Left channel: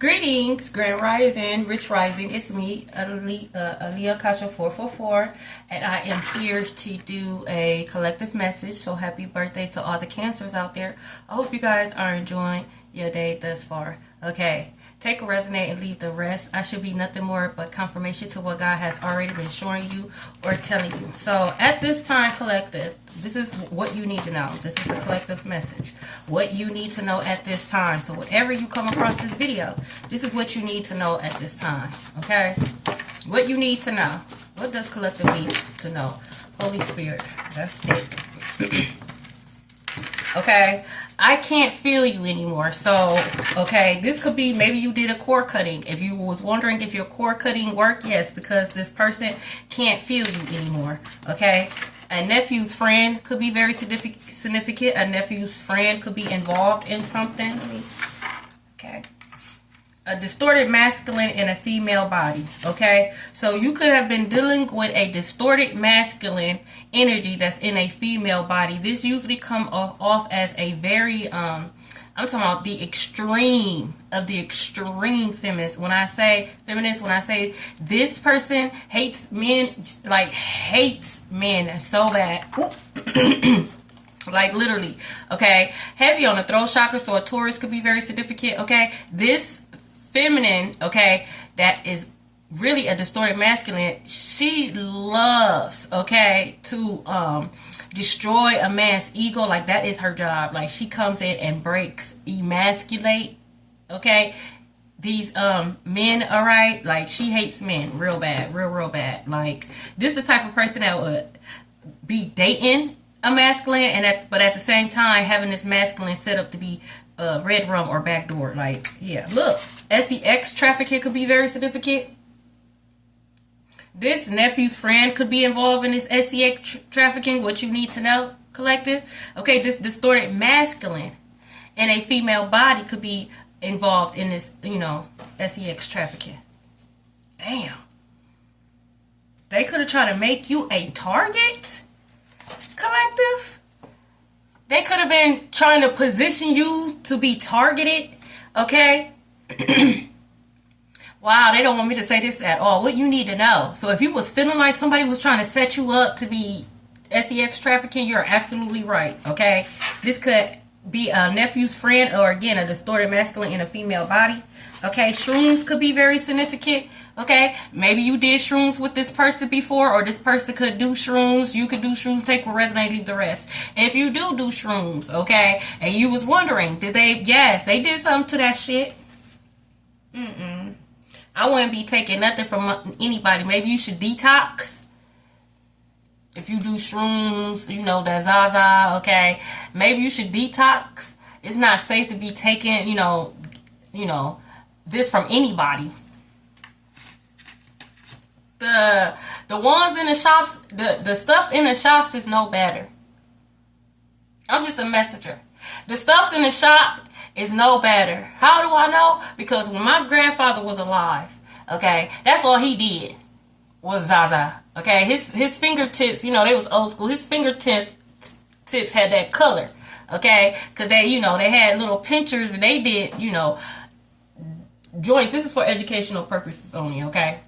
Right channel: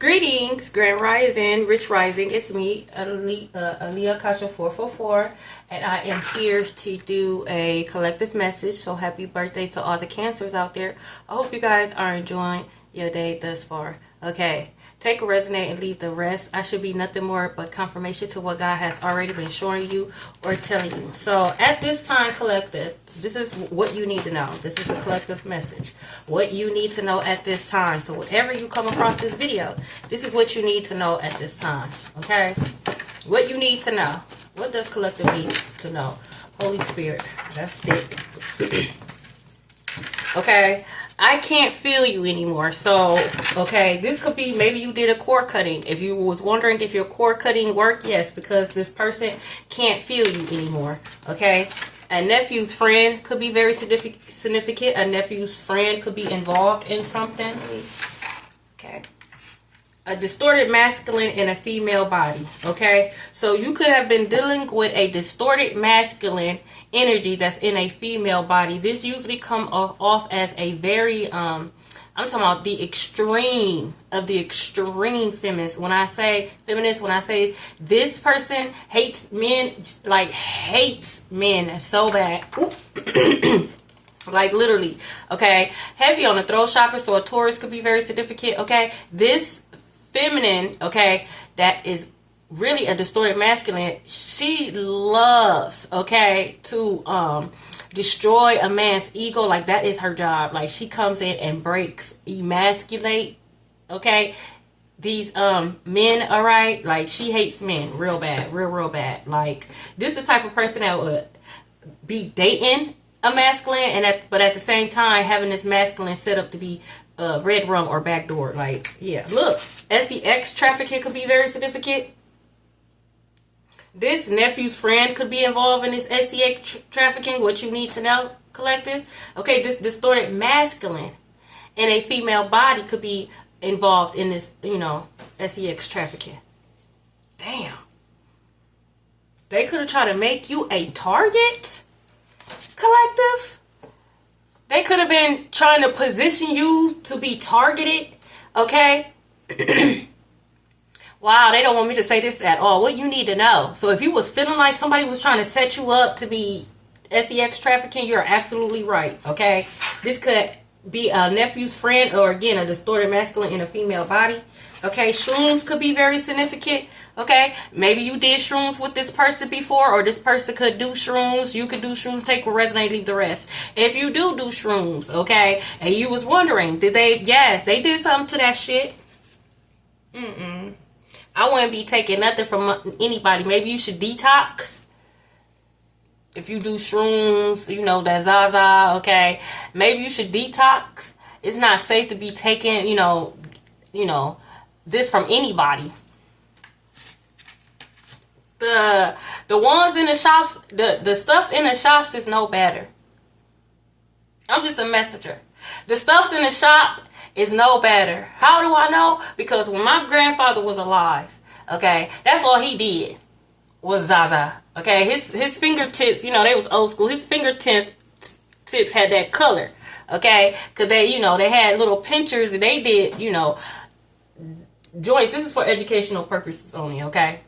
Greetings, Grand Rising, Rich Rising. It's me, Aaliyah Kasha 444, and I am here to do a collective message. So happy birthday to all the Cancers out there. I hope you guys are enjoying your day thus far. Okay, take a resonate and leave the rest. I should be nothing more but confirmation to what God has already been showing you or telling you. So at this time, collective, this is what you need to know. This is the collective message. What you need to know at this time. So whatever you come across this video, this is what you need to know at this time. Okay? What you need to know. What does collective need to know? Holy Spirit. That's thick. Okay? I can't feel you anymore. So, okay, this could be maybe you did a cord cutting. If you was wondering if your cord cutting worked, yes, because this person can't feel you anymore. Okay? A nephew's friend could be very significant. A nephew's friend could be involved in something. Okay. A distorted masculine in a female body. Okay. So you could have been dealing with a distorted masculine energy that's in a female body. This usually come off as a very I'm talking about the extreme of the extreme feminist. When I say feminist, when I say this person hates men, like hates men so bad. Like literally, okay? Heavy on the throat chakra, so a Taurus could be very significant, okay? This feminine, okay, that is really a distorted masculine, she loves, okay, to destroy a man's ego. Like that is her job. Like she comes in and breaks, emasculate, okay, these men, all right? Like she hates men real bad, real bad. Like this is the type of person that would be dating a masculine but at the same time having this masculine set up to be red rum or backdoor. Like, yeah, look, SEX trafficking could be very significant. This nephew's friend could be involved in this SEX trafficking. What you need to know, collective. Okay, this distorted masculine in a female body could be involved in this, SEX trafficking. Damn. They could have tried to make you a target, collective. They could have been trying to position you to be targeted, okay? Wow, they don't want me to say this at all. What you need to know. So if you was feeling like somebody was trying to set you up to be SEX trafficking, you're absolutely right, okay? This could be a nephew's friend or, again, a distorted masculine in a female body, okay? Shrooms could be very significant, okay? Maybe you did shrooms with this person before, or this person could do shrooms. You could do shrooms, take what resonate, leave the rest. If you do shrooms, okay, and you was wondering, yes, they did something to that shit. I wouldn't be taking nothing from anybody. Maybe you should detox. If you do shrooms, that Zaza, okay. Maybe you should detox. It's not safe to be taking, this from anybody. The ones in the shops, the stuff in the shops is no better. I'm just a messenger. The stuff's in the shop is no better. How do I know? Because when my grandfather was alive, okay, that's all he did was Zaza. Okay, his fingertips, they was old school. His fingertips had that color. Okay, because they had little pinchers and they did, joints. This is for educational purposes only. Okay,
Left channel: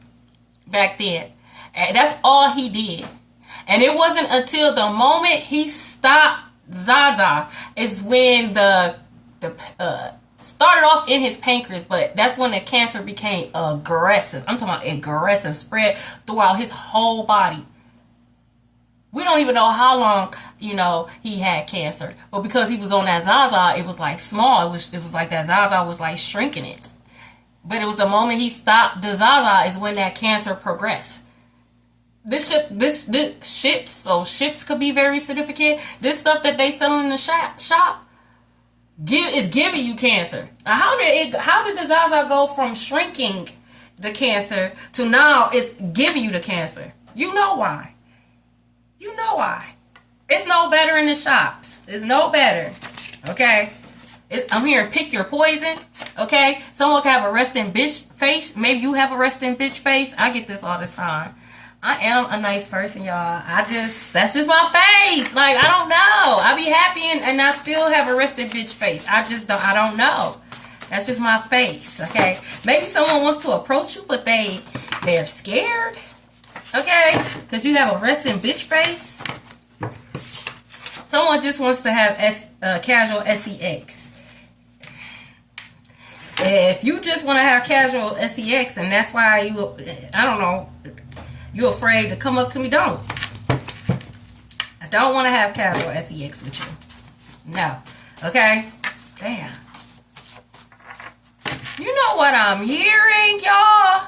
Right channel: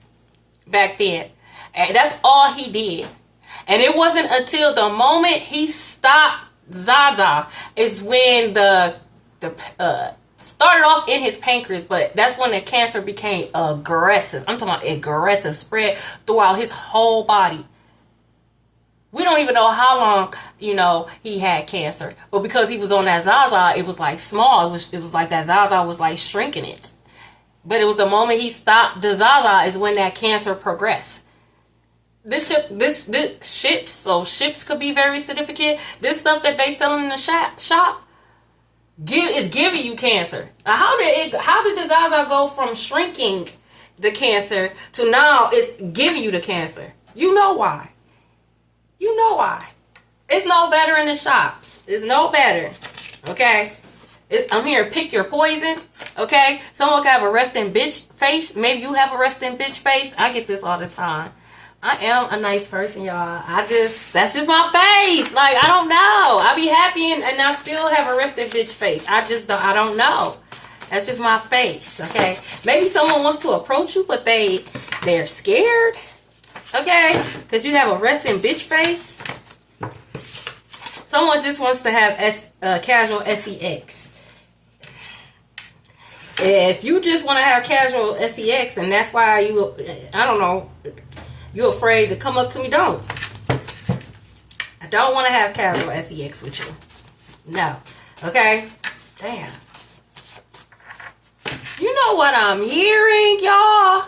back then, and that's all he did. And it wasn't until the moment he stopped Zaza is when the started off in his pancreas, but that's when the cancer became aggressive. I'm talking about aggressive, spread throughout his whole body. We don't even know how long, he had cancer. But because he was on that Zaza, it was like small. It was like that Zaza was like shrinking it. But it was the moment he stopped the Zaza is when that cancer progressed. Ships could be very significant. This stuff that they sell in the shop is giving you cancer. Now, how did the Zaza go from shrinking the cancer to now it's giving you the cancer? You know why. It's no better in the shops. It's no better. Okay? I'm here to pick your poison. Okay? Someone can have a resting bitch face. Maybe you have a resting bitch face. I get this all the time. I am a nice person, y'all. That's just my face. Like, I don't know. I be happy and I still have a resting bitch face. I don't know. That's just my face, okay? Maybe someone wants to approach you, but they're scared, okay? Because you have a resting bitch face. Someone just wants to have casual sex. If you just want to have casual sex, and that's why you, I don't know, you're afraid to come up to me, don't. I don't want to have casual sex with you. No. Okay? Damn. You know what I'm hearing, y'all?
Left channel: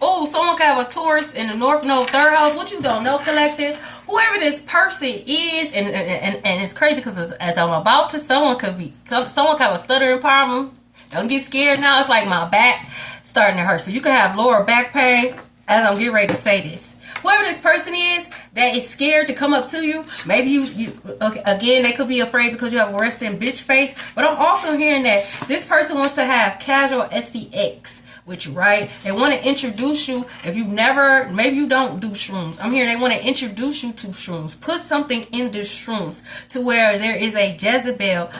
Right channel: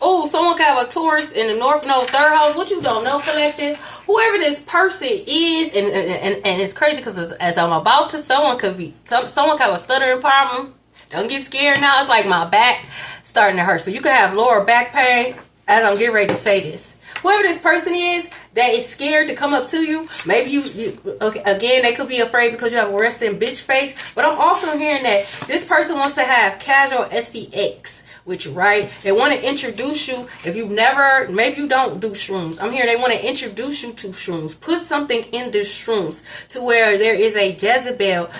Oh, someone could have a Taurus in the North Node 3rd house. What you don't know, collective? Whoever this person is, and it's crazy because as I'm about to, someone could have a stuttering problem. Don't get scared now. It's like my back starting to hurt. So you could have lower back pain as I'm getting ready to say this. Whoever this person is that is scared to come up to you, maybe you okay, again, they could be afraid because you have a resting bitch face. But I'm also hearing that this person wants to have casual sex with you, right? They want to introduce you. If you've never, maybe you don't do shrooms. I'm hearing they want to introduce you to shrooms. Put something in the shrooms to where there is a Jezebel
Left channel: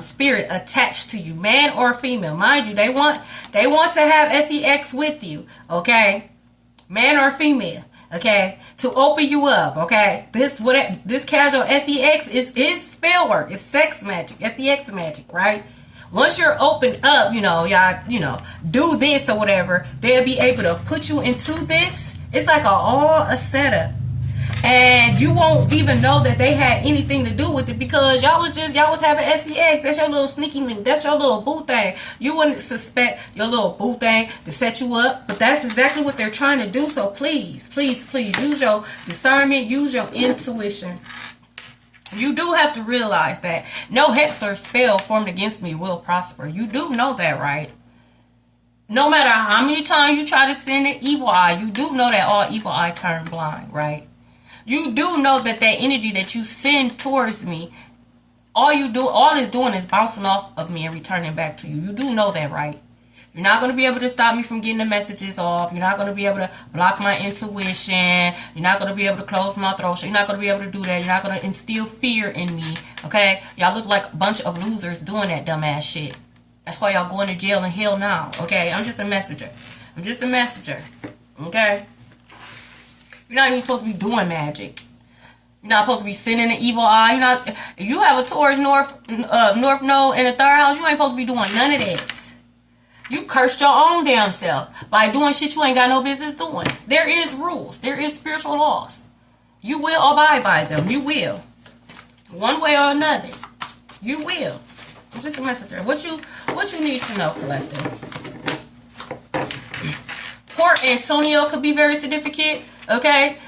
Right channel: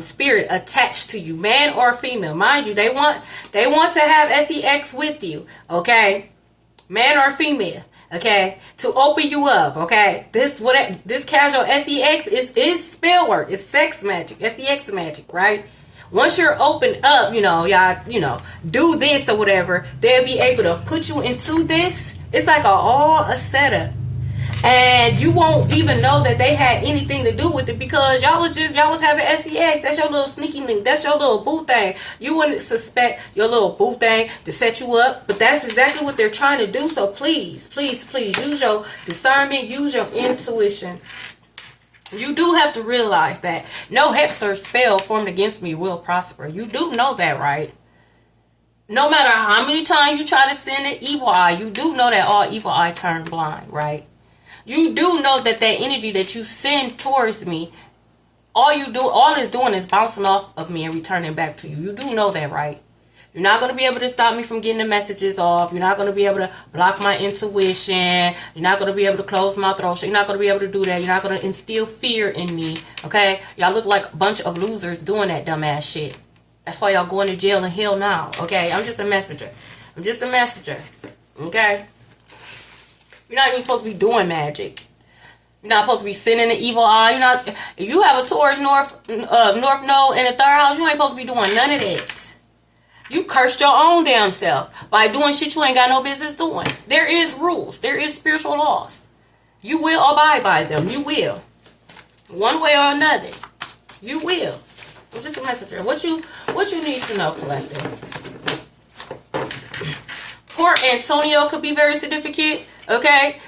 spirit attached to you, man or female. Mind you, they want to have sex with you, okay? Man or female. Okay, to open you up. Okay, this casual sex is spell work. It's sex magic, sex magic, right? Once you're opened up, y'all, do this or whatever, they'll be able to put you into this. It's like a setup, and you won't even know that they had anything to do with it because y'all was having sex. That's your little sneaky link. That's your little boo thing. You wouldn't suspect your little boo thing to set you up, but that's exactly what they're trying to do. So please, please, please use your discernment, use your intuition. You do have to realize that no hex or spell formed against me will prosper. You do know that, right? No matter how many times you try to send an evil eye, you do know that all evil eye turn blind, right? You do know that energy that you send towards me, all it's doing is bouncing off of me and returning back to you. You do know that, right? You're not going to be able to stop me from getting the messages off. You're not going to be able to block my intuition. You're not going to be able to close my throat. You're not going to be able to do that. You're not going to instill fear in me, okay? Y'all look like a bunch of losers doing that dumbass shit. That's why y'all going to jail and hell now, okay? I'm just a messenger. Okay? You're not even supposed to be doing magic. You're not supposed to be sending an evil eye. If you have a Taurus North Node in the 3rd house, you ain't supposed to be doing none of that. You cursed your own damn self by doing shit you ain't got no business doing. There is rules. There is spiritual laws. You will abide by them. You will. One way or another. You will. It's just a messenger. What you need to know, collective. Port Antonio could be very significant. Okay,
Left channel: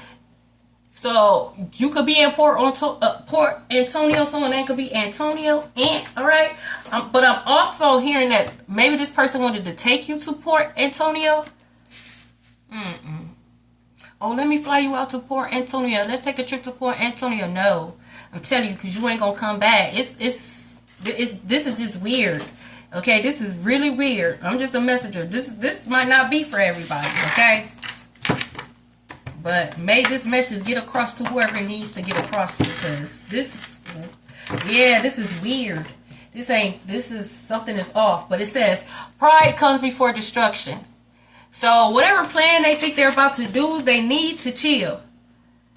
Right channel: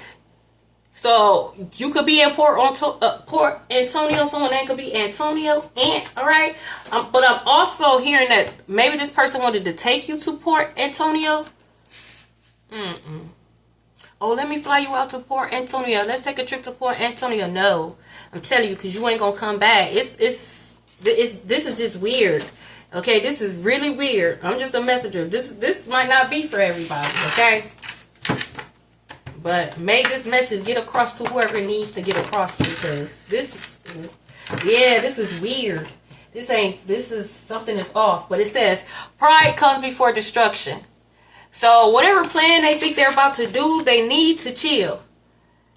so you could be in Port Antonio. Someone that could be Antonio. All right, but I'm also hearing that maybe this person wanted to take you to Port Antonio. Oh, let me fly you out to Port Antonio. Let's take a trip to Port Antonio. No, I'm telling you, because you ain't gonna come back. This is just weird. Okay, this is really weird. I'm just a messenger. This might not be for everybody. Okay. But may this message get across to whoever it needs to get across to, because this is weird. This is something that's off. But it says, pride comes before destruction. So whatever plan they think they're about to do, they need to chill.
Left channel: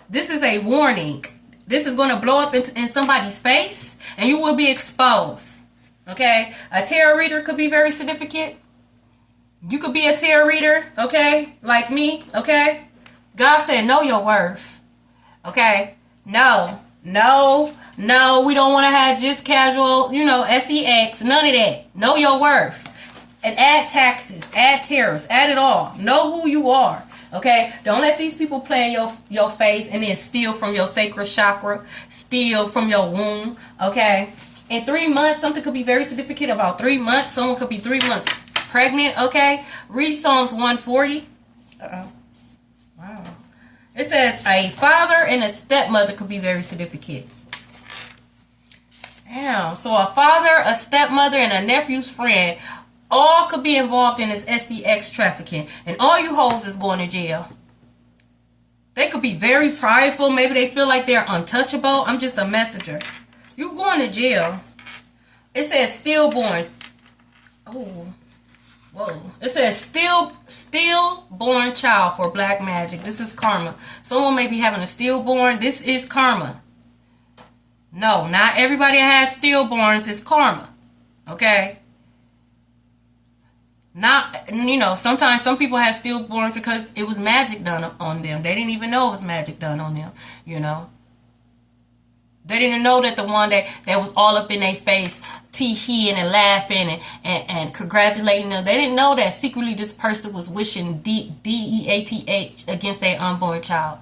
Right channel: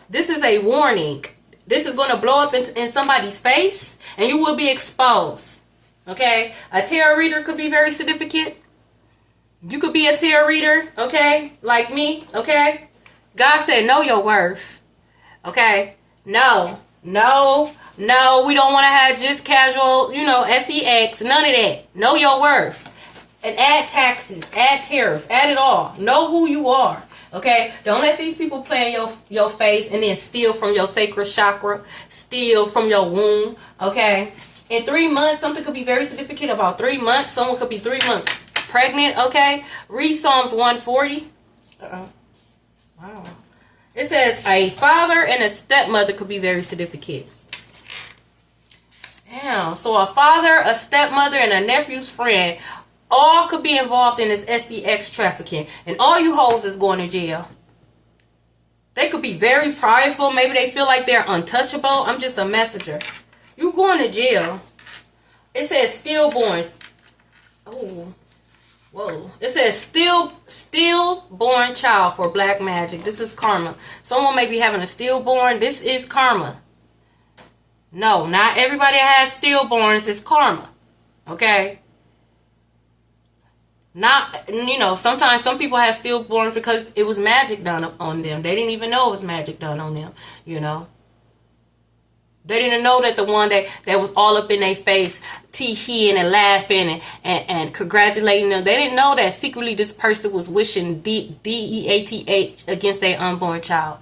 This is a warning. This is going to blow up in somebody's face, and you will be exposed. Okay? A tarot reader could be very significant. You could be a tarot reader, okay? Like me, okay? God said, know your worth. Okay? No. We don't want to have just casual, sex. None of that. Know your worth. And add taxes. Add tariffs. Add it all. Know who you are. Okay? Don't let these people play in your face and then steal from your sacral chakra. Steal from your womb. Okay? In 3 months, something could be very significant about 3 months. Someone could be 3 months pregnant. Okay? Read Psalms 140. Wow. It says a father and a stepmother could be very significant. Damn. So a father, a stepmother, and a nephew's friend all could be involved in this SEX trafficking. And all you hoes is going to jail. They could be very prideful. Maybe they feel like they're untouchable. I'm just a messenger. You going to jail. It says stillborn. Oh, whoa. It says stillborn child for black magic. This is karma. Someone may be having a stillborn. This is karma. No, not everybody that has stillborns is karma. Okay? Not, sometimes some people have stillborns because it was magic done on them. They didn't even know it was magic done on them, They didn't know that the one that was all up in their face, tee-heeing and laughing and congratulating them. They didn't know that secretly this person was wishing DEATH against their unborn child.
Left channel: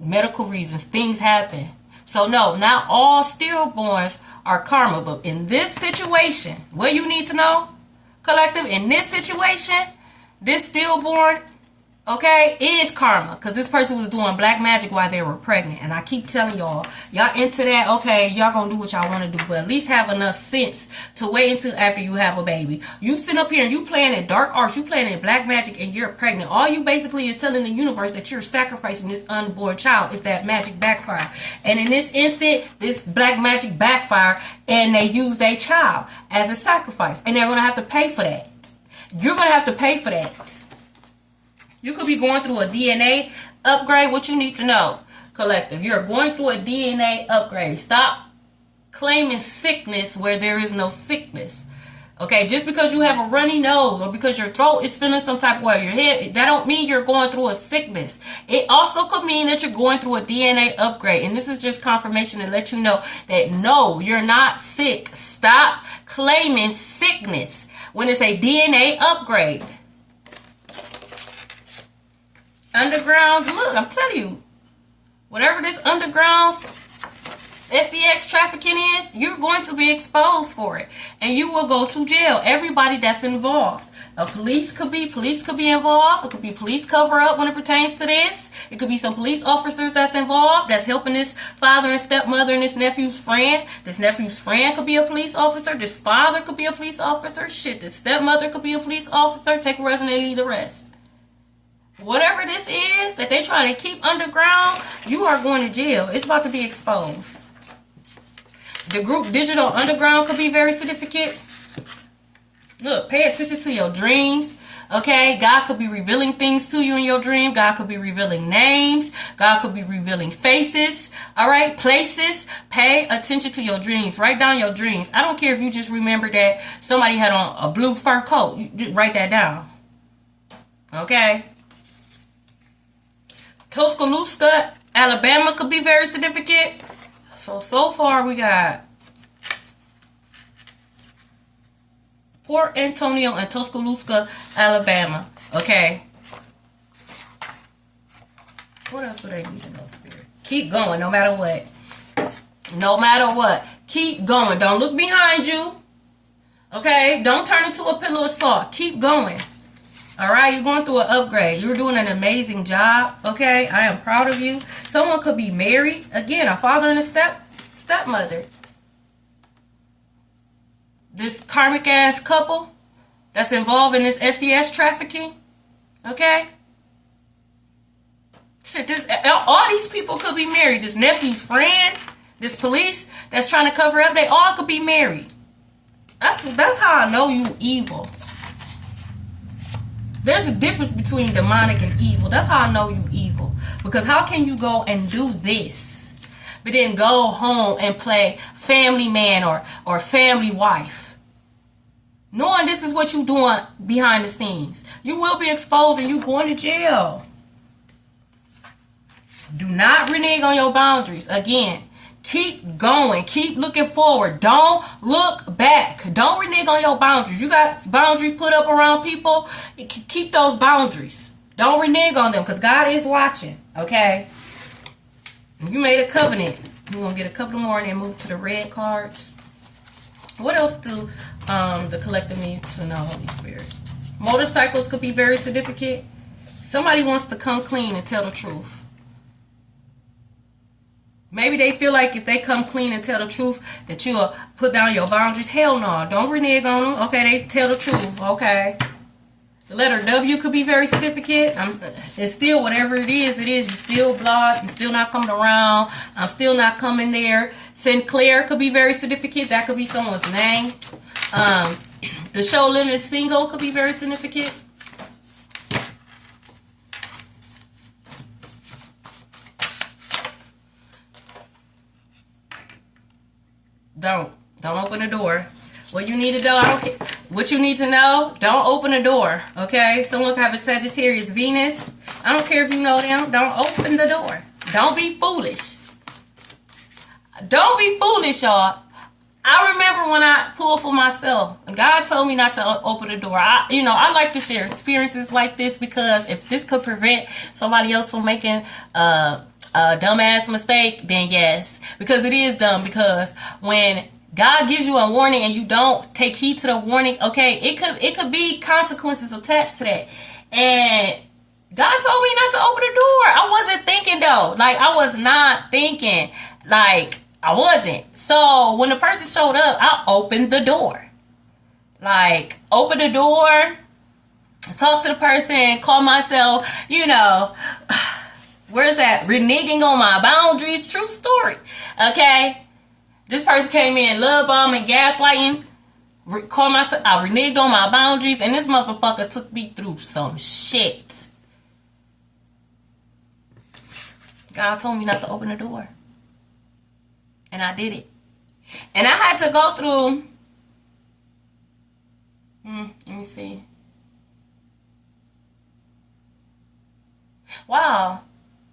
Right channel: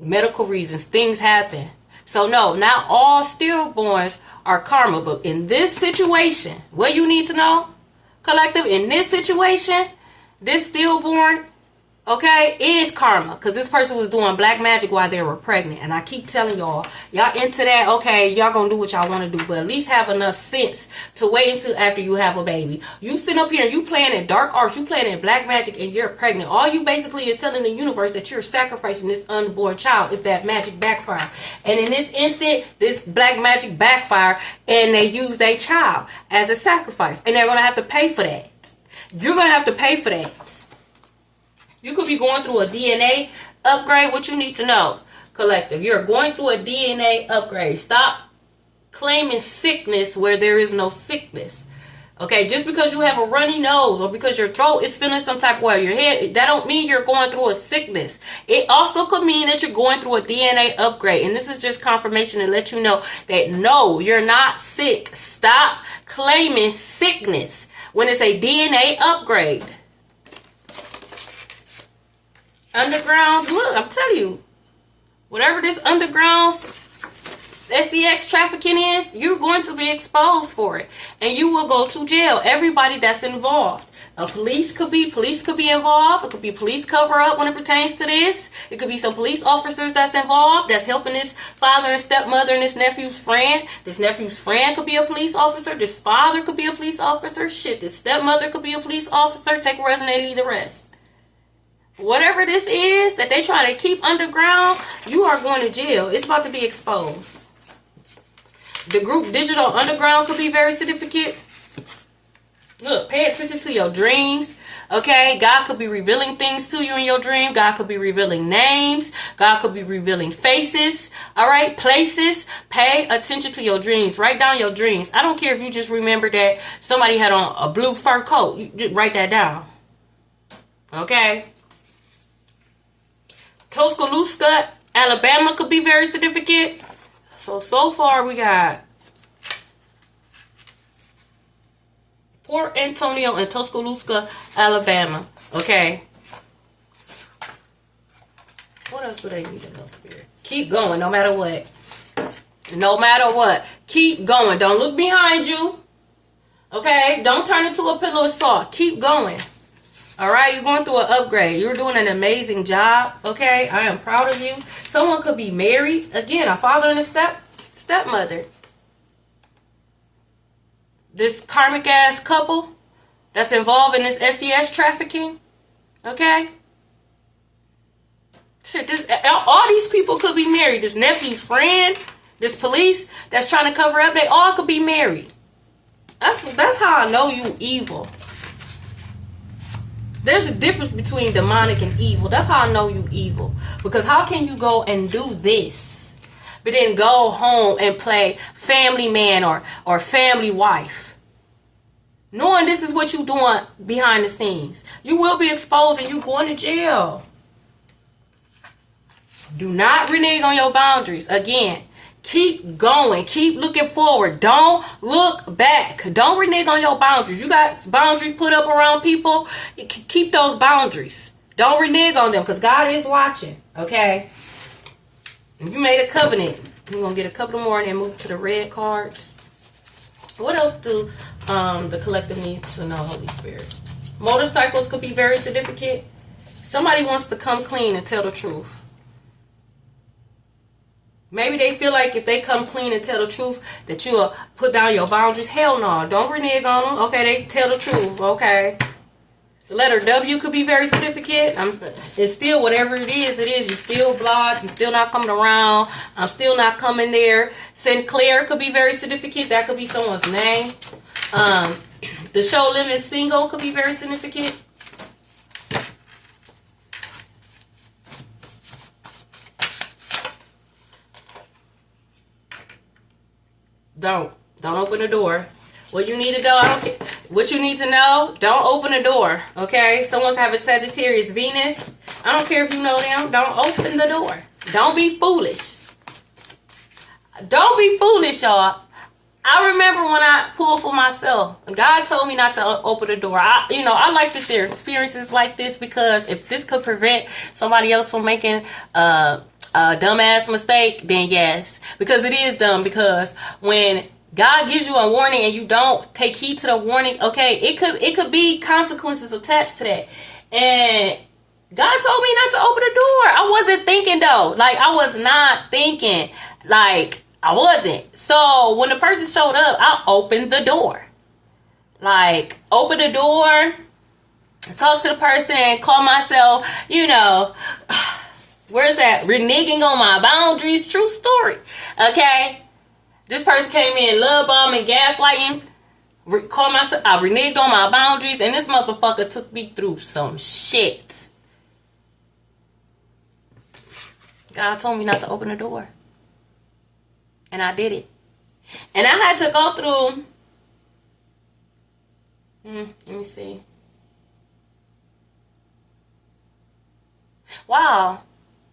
Medical reasons, things happen. So no, not all stillborns are karma. But in this situation, what you need to know, collective, in this situation, this stillborn, okay, is karma. Because this person was doing black magic while they were pregnant. And I keep telling y'all into that, okay, y'all gonna do what y'all want to do. But at least have enough sense to wait until after you have a baby. You sit up here and you playing in dark arts, you playing in black magic, and you're pregnant. All you basically is telling the universe that you're sacrificing this unborn child if that magic backfire. And in this instant, this black magic backfire, and they use their child as a sacrifice. And they're gonna have to pay for that. You're gonna have to pay for that. You could be going through a DNA upgrade. What you need to know, collective, you're going through a DNA upgrade. Stop claiming sickness where there is no sickness. Okay, just because you have a runny nose or because your throat is feeling some type of way, your head, that don't mean you're going through a sickness. It also could mean that you're going through a DNA upgrade. And this is just confirmation to let you know that no, you're not sick. Stop claiming sickness when it's a DNA upgrade. Underground, look, I'm telling you, whatever this underground SEX trafficking is, you're going to be exposed for it. And you will go to jail. Everybody that's involved. Police could be involved. It could be police cover up when it pertains to this. It could be some police officers that's involved, that's helping this father and stepmother and this nephew's friend. This nephew's friend could be a police officer. This father could be a police officer. Shit, this stepmother could be a police officer. Take a rest and they leave the rest. Whatever this is that they try to keep underground, you are going to jail. It's about to be exposed. The group Digital Underground could be very significant. Look, pay attention to your dreams. Okay, God could be revealing things to you in your dream. God could be revealing names. God could be revealing faces. All right, places. Pay attention to your dreams. Write down your dreams. I don't care if you just remember that somebody had on a blue fur coat. You just write that down. Okay. Tuscaloosa, Alabama could be very significant. So far we got Port Antonio and Tuscaloosa, Alabama. Okay. What else do they need to know, Spirit? Keep going, no matter what. No matter what. Keep going. Don't look behind you. Okay? Don't turn into a pillow of salt. Keep going. All right, you're going through an upgrade. You're doing an amazing job. Okay, I am proud of you. Someone could be married. Again, a father and a stepmother. This karmic ass couple that's involved in this SES trafficking. Okay. Shit, all these people could be married. This nephew's friend, this police that's trying to cover up, they all could be married. That's how I know you evil. There's a difference between demonic and evil. That's how I know you evil. Because how can you go and do this, but then go home and play family man or family wife? Knowing this is what you're doing behind the scenes. You will be exposed and you're going to jail. Do not renege on your boundaries. Again, keep going. Keep looking forward. Don't look back. Don't renege on your boundaries. You got boundaries put up around people. Keep those boundaries. Don't renege on them because God is watching. Okay? If you made a covenant, you're going to get a couple more and then move to the red cards. What else do the collective need to know, Holy Spirit? Motorcycles could be very significant. Somebody wants to come clean and tell the truth. Maybe they feel like if they come clean and tell the truth that you'll put down your boundaries. Hell no. Don't renege on them. Okay, they tell the truth. Okay. The letter W could be very significant. It's still whatever it is. You're still blocked. You're still not coming around. I'm still not coming there. Sinclair could be very significant. That could be someone's name. The show limit single could be very significant. Don't open the door. What you need to know, I don't care. What you need to know, don't open the door. Okay? Someone could have a Sagittarius Venus. I don't care if you know them. Don't open the door. Don't be foolish. Don't be foolish, y'all. I remember when I pulled for myself. God told me not to open the door. I like to share experiences like this because if this could prevent somebody else from making a dumbass mistake, then yes. Because it is dumb. Because when God gives you a warning and you don't take heed to the warning, okay, it could be consequences attached to that. And God told me not to open the door. I wasn't thinking though. Like, I was not thinking. Like, I wasn't. So when the person showed up, I opened the door. Like, open the door, talk to the person, call myself, where's that? Reneging on my boundaries. True story. Okay? This person came in love bombing, gaslighting. Call myself, I reneged on my boundaries, and this motherfucker took me through some shit. God told me not to open the door. And I did it. And I had to go through, let me see. Wow.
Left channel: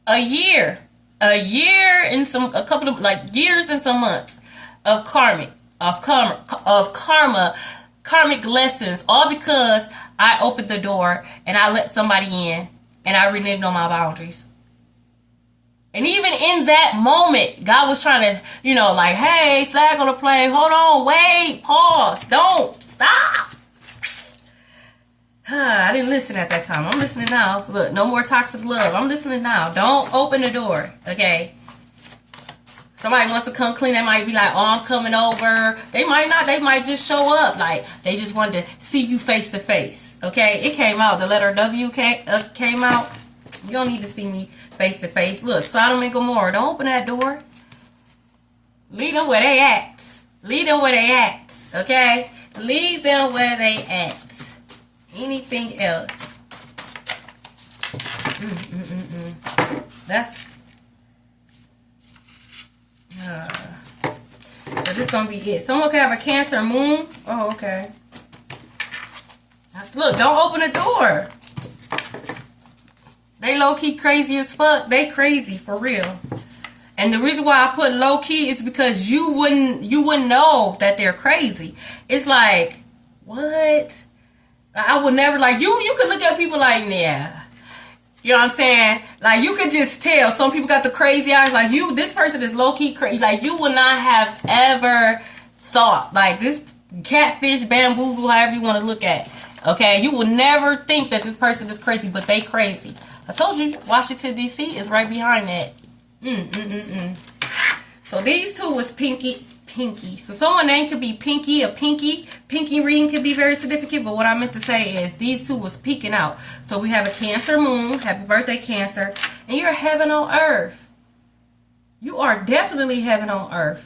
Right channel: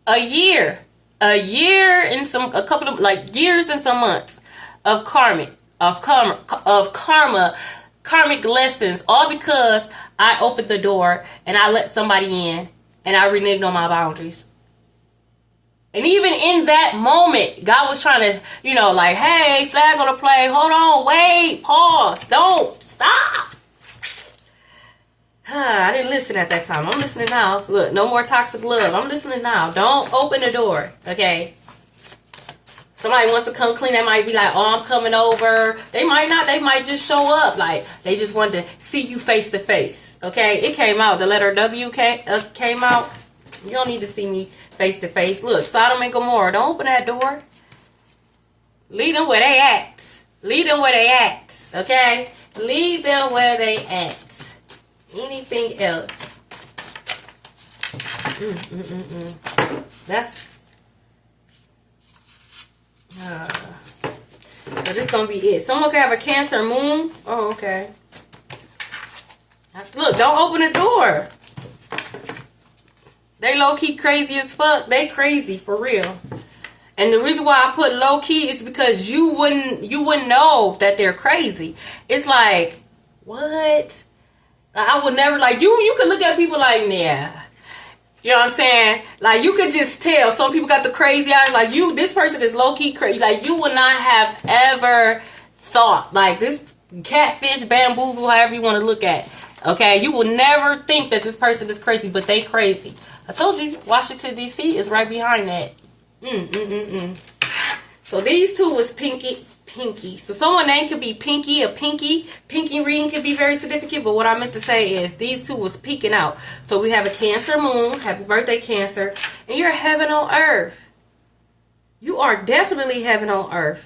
A year and a couple of years and some months of karmic lessons, all because I opened the door and I let somebody in and I reneged on my boundaries. And even in that moment, God was trying to, hey, flag on the play. Hold on, wait, pause, don't, stop. I didn't listen at that time. I'm listening now. Look, no more toxic love. I'm listening now. Don't open the door, okay? Somebody wants to come clean. They might be like, oh, I'm coming over. They might not. They might just show up. Like, they just wanted to see you face to face, okay? It came out. The letter W came out. You don't need to see me face to face. Look, Sodom and Gomorrah. Don't open that door. Leave them where they at. Leave them where they at. Okay? Leave them where they at. Anything else? That's. So this gonna be it. Someone could have a Cancer moon. Oh, okay. Look, don't open the door. They low-key crazy as fuck. They crazy for real. And the reason why I put low-key is because you wouldn't know that they're crazy. It's like, what? I would never, you could look at people like, yeah. You know what I'm saying? Like, you could just tell. Some people got the crazy eyes. Like, this person is low-key crazy. Like, you would not have ever thought. Like, this catfish, bamboozle, however you want to look at. Okay? You would never think that this person is crazy, but they crazy. I told you, Washington, D.C. is right behind that. So these two was Pinky. So someone's name could be Pinky or Pinky. Pinky reading could be very significant, but what I meant to say is these two was peeking out. So we have a Cancer moon. Happy birthday, Cancer. And you're heaven on earth. You are definitely heaven on earth.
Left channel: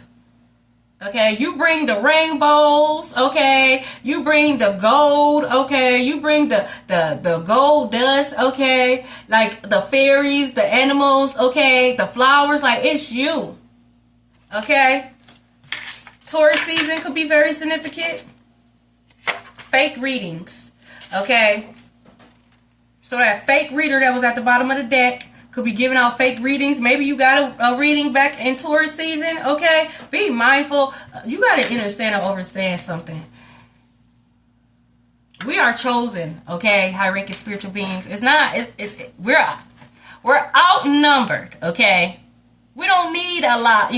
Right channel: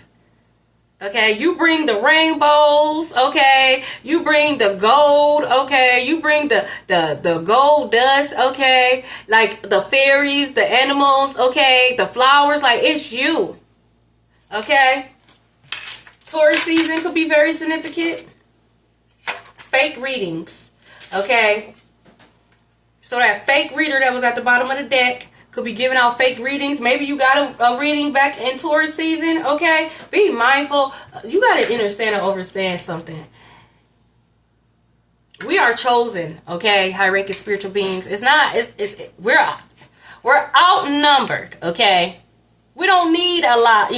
Okay, you bring the rainbows, okay, you bring the gold, okay, you bring the gold dust, okay, like the fairies, the animals, okay, the flowers, like it's you, okay. Taurus season could be very significant. Fake readings, okay. So that fake reader that was at the bottom of the deck could be giving out fake readings. Maybe you got a reading back in Taurus season, okay? Be mindful. You got to understand and understand something. We are chosen, okay? High-ranking spiritual beings. We're outnumbered, okay? We don't need a lot,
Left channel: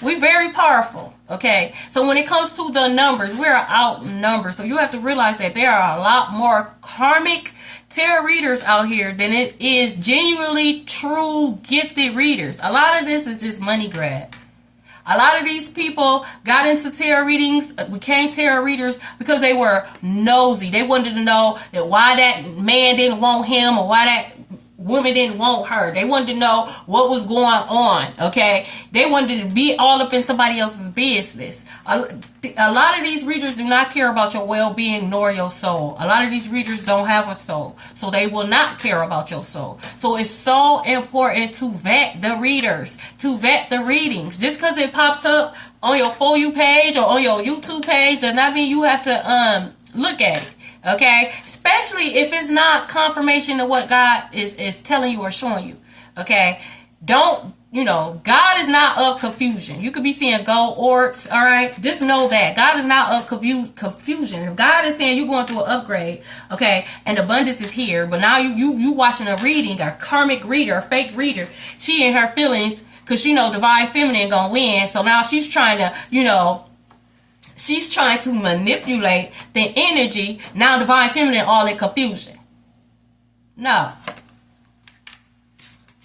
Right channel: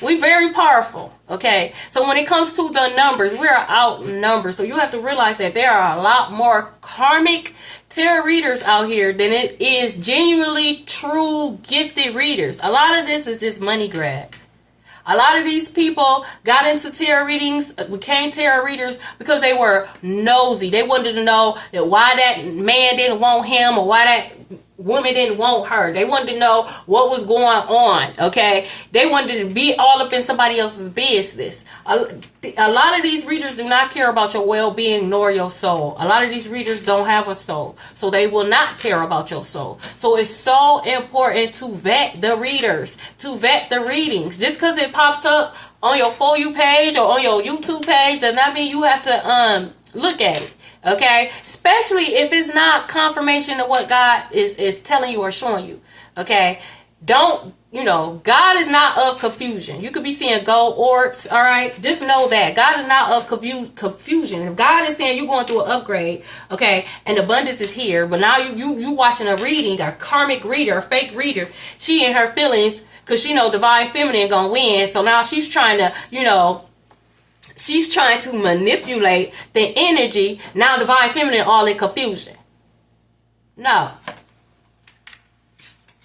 we're very powerful, okay? So when it comes to the numbers, we're outnumbered. So you have to realize that there are a lot more karmic tarot readers out here than it is genuinely true gifted readers. A lot of this is just money grab. A lot of these people got into tarot readings, became tarot readers because they were nosy. They wanted to know that why that man didn't want him or why that women didn't want her. They wanted to know what was going on, okay? They wanted to be all up in somebody else's business. A lot of these readers do not care about your well-being nor your soul. A lot of these readers don't have a soul, so they will not care about your soul. So it's so important to vet the readers, to vet the readings. Just because it pops up on your For You page or on your YouTube page does not mean you have to look at it. Okay, especially if it's not confirmation of what God is telling you or showing you. Okay, don't, God is not of confusion. You could be seeing gold orbs, all right? Just know that God is not of confusion. If God is saying you're going through an upgrade, okay, and abundance is here, but now you watching a reading, a karmic reader, a fake reader, she in her feelings because she know divine feminine gonna win. So now she's trying to, she's trying to manipulate the energy. Now divine feminine all in confusion. No.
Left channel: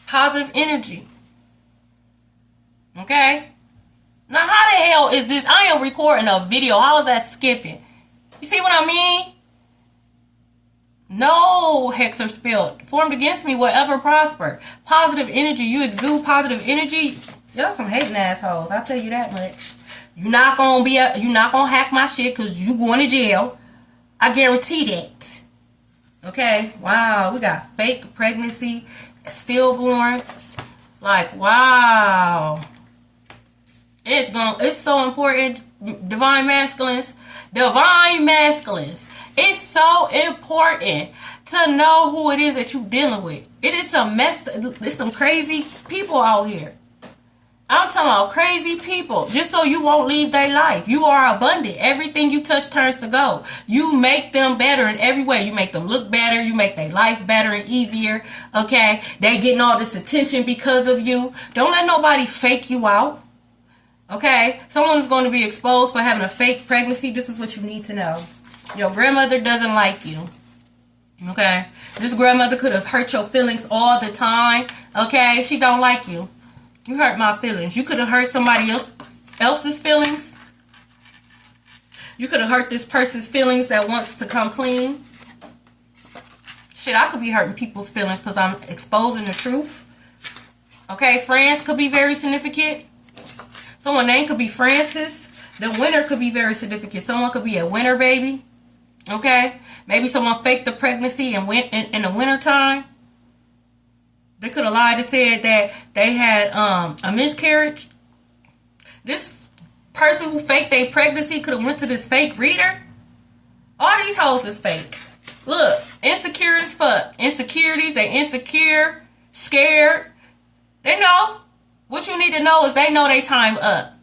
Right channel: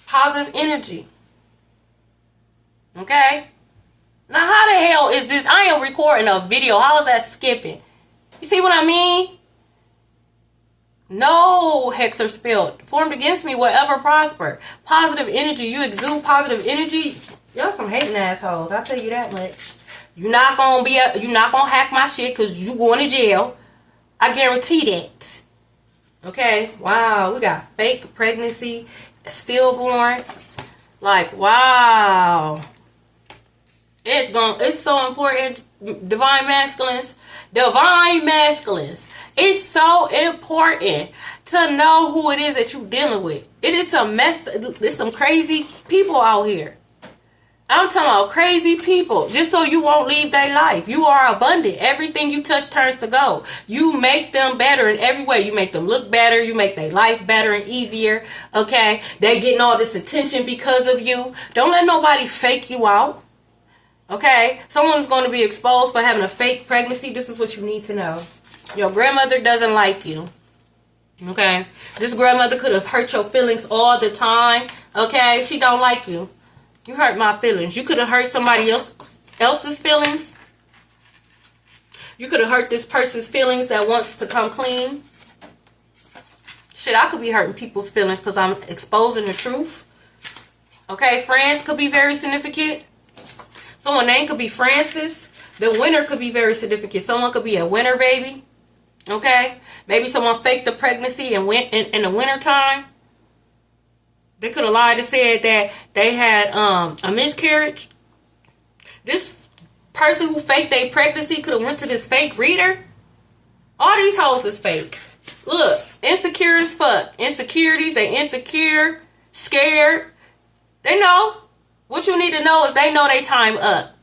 Positive energy. Okay? Now how the hell is this? I am recording a video. How is that skipping? You see what I mean? No hex or spell formed against me will ever prosper. Positive energy. You exude positive energy. Y'all some hating assholes. I'll tell you that much. You're not gonna hack my shit because you going to jail. I guarantee that. Okay? Wow. We got fake pregnancy, stillborn. Like, wow. It's so important. Divine masculines. It's so important to know who it is that you're dealing with. There's some crazy people out here. I'm talking about crazy people, just so you won't leave their life. You are abundant. Everything you touch turns to gold. You make them better in every way. You make them look better. You make their life better and easier. Okay? They getting all this attention because of you. Don't let nobody fake you out. Okay? Someone's going to be exposed for having a fake pregnancy. This is what you need to know. Your grandmother doesn't like you. Okay? This grandmother could have hurt your feelings all the time. Okay? She don't like you. You hurt my feelings. You could have hurt somebody else's feelings. You could have hurt this person's feelings that wants to come clean. Shit, I could be hurting people's feelings because I'm exposing the truth. Okay, friends could be very significant. Someone's name could be Francis. The winner could be very significant. Someone could be a winner baby. Okay? Maybe someone faked the pregnancy and went in the winter time. They could have lied and said that they had a miscarriage. This person who faked their pregnancy could have went to this fake reader. All these hoes is fake. Look, insecure as fuck. Insecurities, they insecure, scared. They know. What you need to know is they know they time up.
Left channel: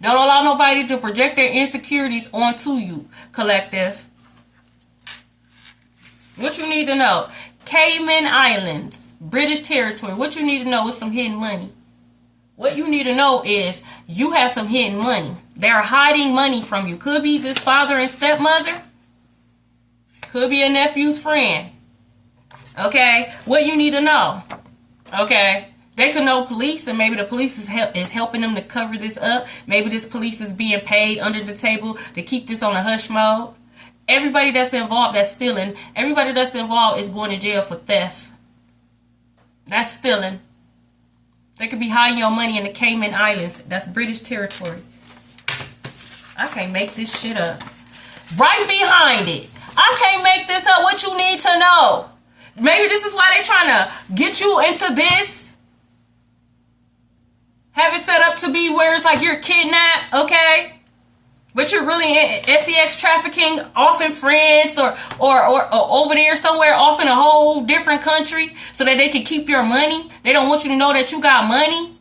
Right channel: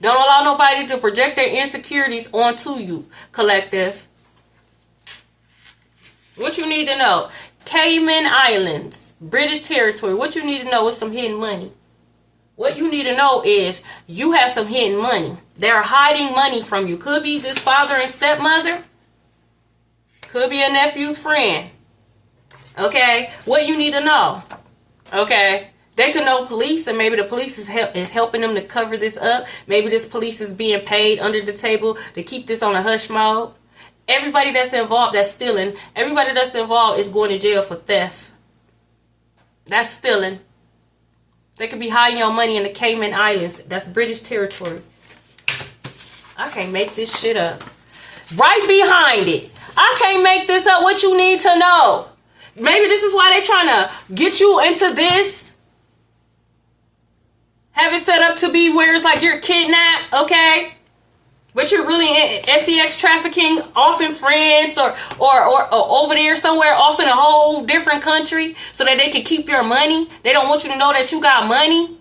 Don't allow nobody to project their insecurities onto you, collective. What you need to know. Cayman Islands. British territory. What you need to know is some hidden money. What you need to know is you have some hidden money. They're hiding money from you. Could be this father and stepmother. Could be a nephew's friend. Okay? What you need to know. Okay? They could know police, and maybe the police is helping them to cover this up. Maybe this police is being paid under the table to keep this on a hush mode. Everybody that's involved that's stealing, everybody that's involved is going to jail for theft. That's stealing. They could be hiding your money in the Cayman Islands. That's British territory. I can't make this shit up. Right behind it. I can't make this up. What you need to know. Maybe this is why they're trying to get you into this. Have it set up to be where it's like you're kidnapped, okay? But you're really in sex trafficking, off in France or over there somewhere off in a whole different country so that they can keep your money. They don't want you to know that you got money.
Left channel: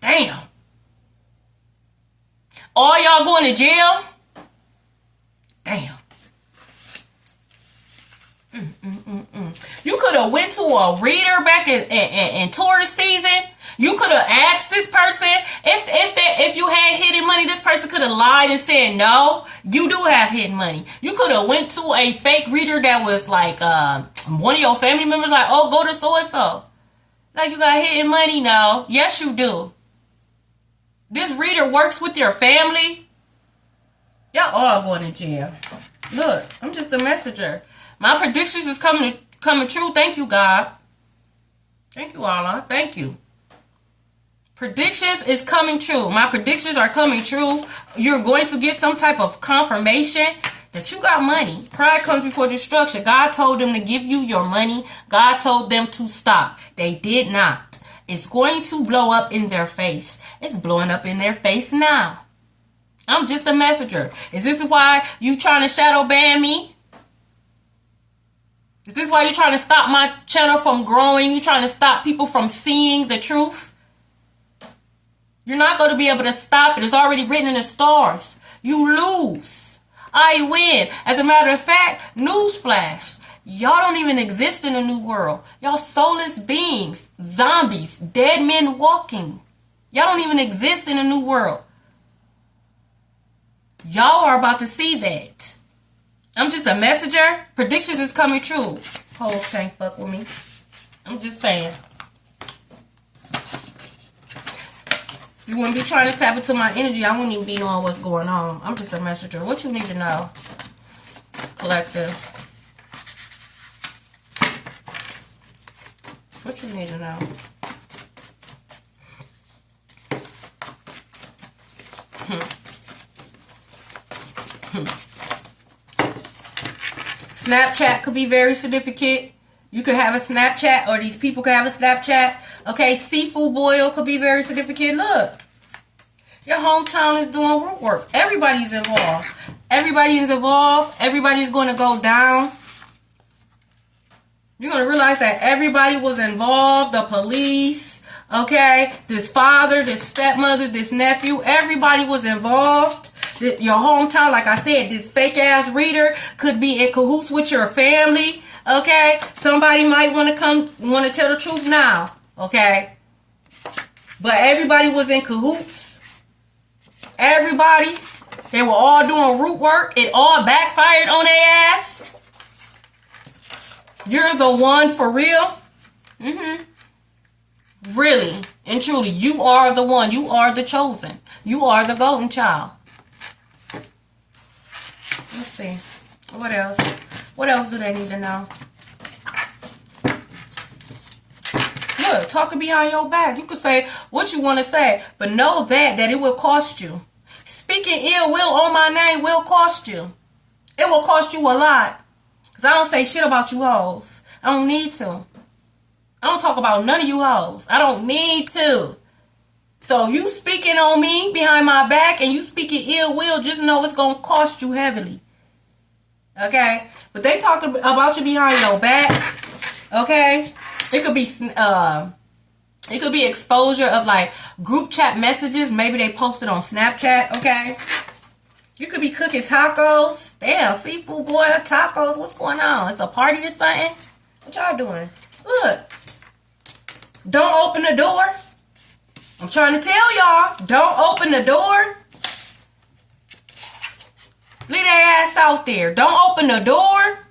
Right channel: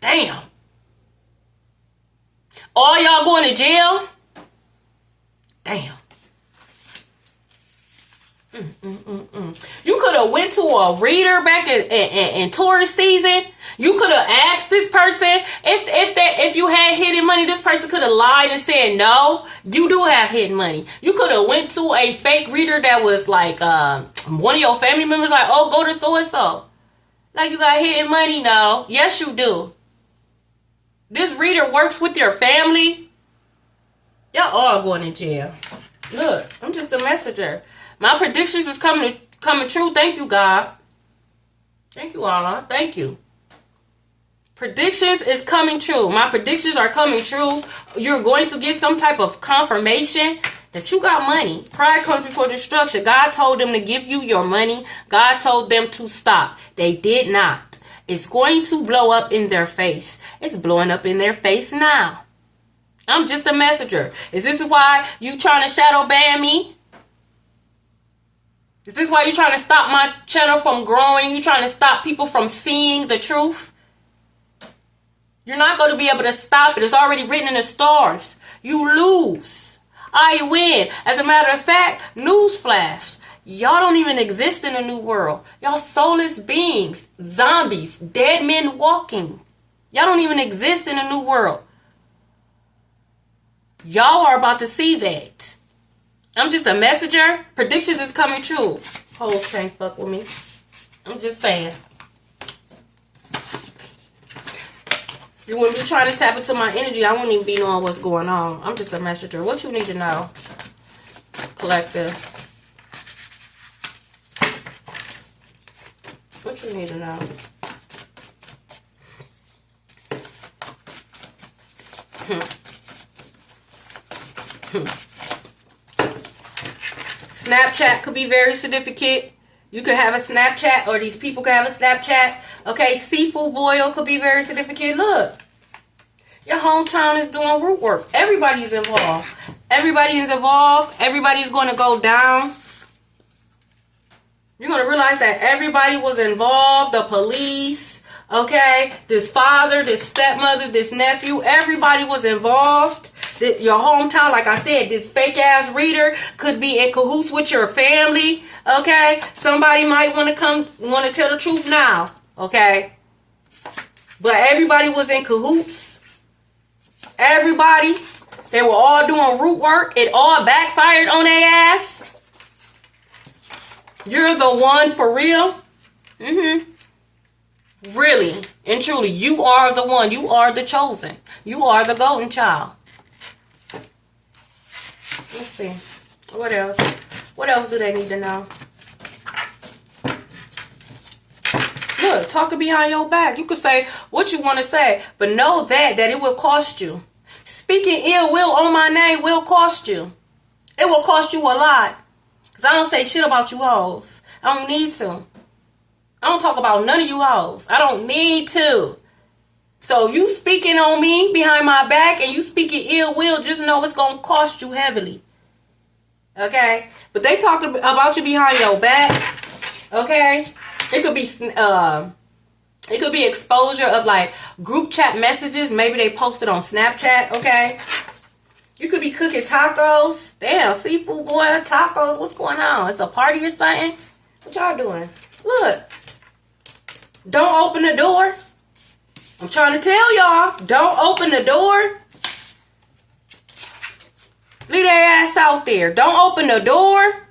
Damn. All y'all going to jail? Damn. You could have went to a reader back in tourist season. You could have asked this person if you had hidden money. This person could have lied and said no. You do have hidden money. You could have went to a fake reader that was like one of your family members. Like, oh, go to so and so. Like, you got hidden money? No. Yes, you do. This reader works with your family. Y'all all going to jail. Look, I'm just a messenger. My predictions is coming Coming true. Thank you, God. Thank you, Allah. Thank you. Predictions is coming true. My predictions are coming true. You're going to get some type of confirmation that you got money. Pride comes before destruction. God told them to give you your money. God told them to stop. They did not. It's going to blow up in their face. It's blowing up in their face now. I'm just a messenger. Is this why you trying to shadow ban me? Is this why you're trying to stop my channel from growing? You trying to stop people from seeing the truth? You're not going to be able to stop it. It's already written in the stars. You lose. I win. As a matter of fact, newsflash. Y'all don't even exist in a new world. Y'all soulless beings. Zombies. Dead men walking. Y'all don't even exist in a new world. Y'all are about to see that. I'm just a messenger. Predictions is coming true. Hoes can't fuck with me. I'm just saying. You wouldn't be trying to tap into my energy. I wouldn't even be knowing what's going on. I'm just a messenger. What you need to know, collective? What you need to know? Snapchat could be very significant. You could have a Snapchat, or these people could have a Snapchat. Okay, seafood boil could be very significant. Look, your hometown is doing root work. Everybody's involved. Everybody is involved. Everybody's going to go down. You're going to realize that everybody was involved. The police, okay, this father, this stepmother, this nephew, everybody was involved. Your hometown, like I said, this fake ass reader could be in cahoots with your family. Okay, somebody might want to tell the truth now. Okay, but everybody was in cahoots. Everybody, they were all doing root work. It all backfired on their ass. You're the one for real. Really and truly, you are the one. You are the chosen. You are the golden child. Let's see. What else? What else do they need to know? Look, talking behind your back. You could say what you want to say, but know that it will cost you. Speaking ill will on my name will cost you. It will cost you a lot. Because I don't say shit about you hoes. I don't need to. I don't talk about none of you hoes. I don't need to. So you speaking on me behind my back and you speaking ill will, just know it's going to cost you heavily. Okay? But they talk about you behind your back. Okay? It could be exposure of like group chat messages. Maybe they posted on Snapchat. Okay? You could be cooking tacos. Damn, seafood boil, tacos. What's going on? It's a party or something? What y'all doing? Look. Don't open the door. I'm trying to tell y'all, don't open the door. Leave their ass out there. Don't open the door.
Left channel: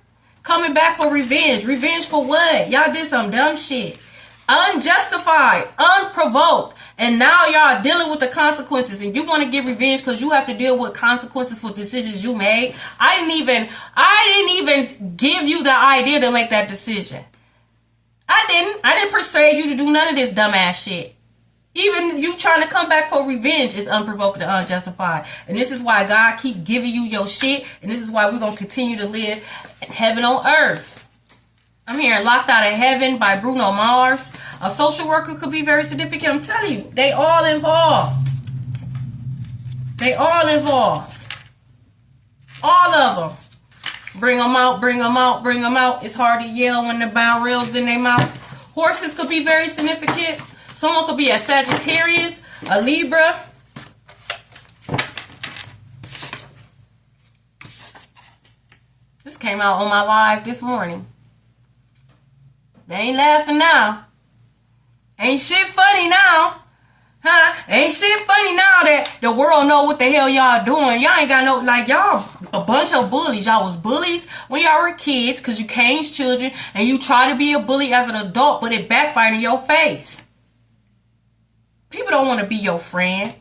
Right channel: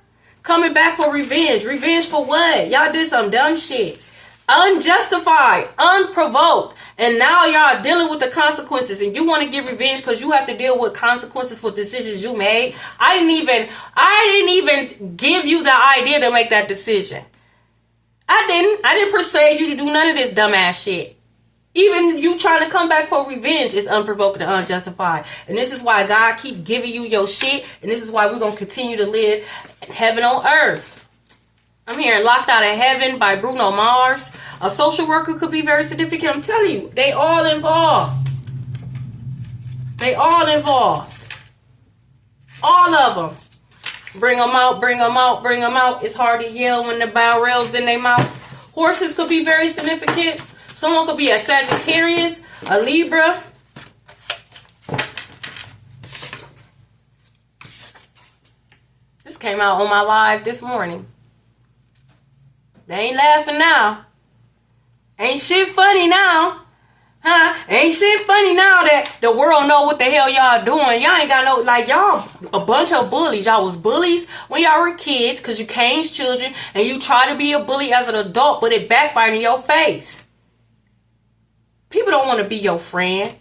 Coming back for revenge. Revenge for what? Y'all did some dumb shit. Unjustified. Unprovoked. And now y'all dealing with the consequences. And you want to get revenge because you have to deal with consequences for decisions you made. I didn't even give you the idea to make that decision. I didn't persuade you to do none of this dumbass shit. Even you trying to come back for revenge is unprovoked and unjustified. And this is why God keep giving you your shit. And this is why we're going to continue to live heaven on earth. I'm hearing Locked Out of Heaven by Bruno Mars. A social worker could be very significant. I'm telling you, they all involved. They all involved. All of them. Bring them out, bring them out, bring them out. It's hard to yell when the barrel's in their mouth. Horses could be very significant. Someone could be a Sagittarius, a Libra. This came out on my live this morning. They ain't laughing now. Ain't shit funny now. Huh? Ain't shit funny now that the world know what the hell y'all doing. Y'all ain't got no, like, y'all a bunch of bullies. Y'all was bullies when y'all were kids because you caged children and you try to be a bully as an adult, but it backfired in your face. People don't want to be your friend.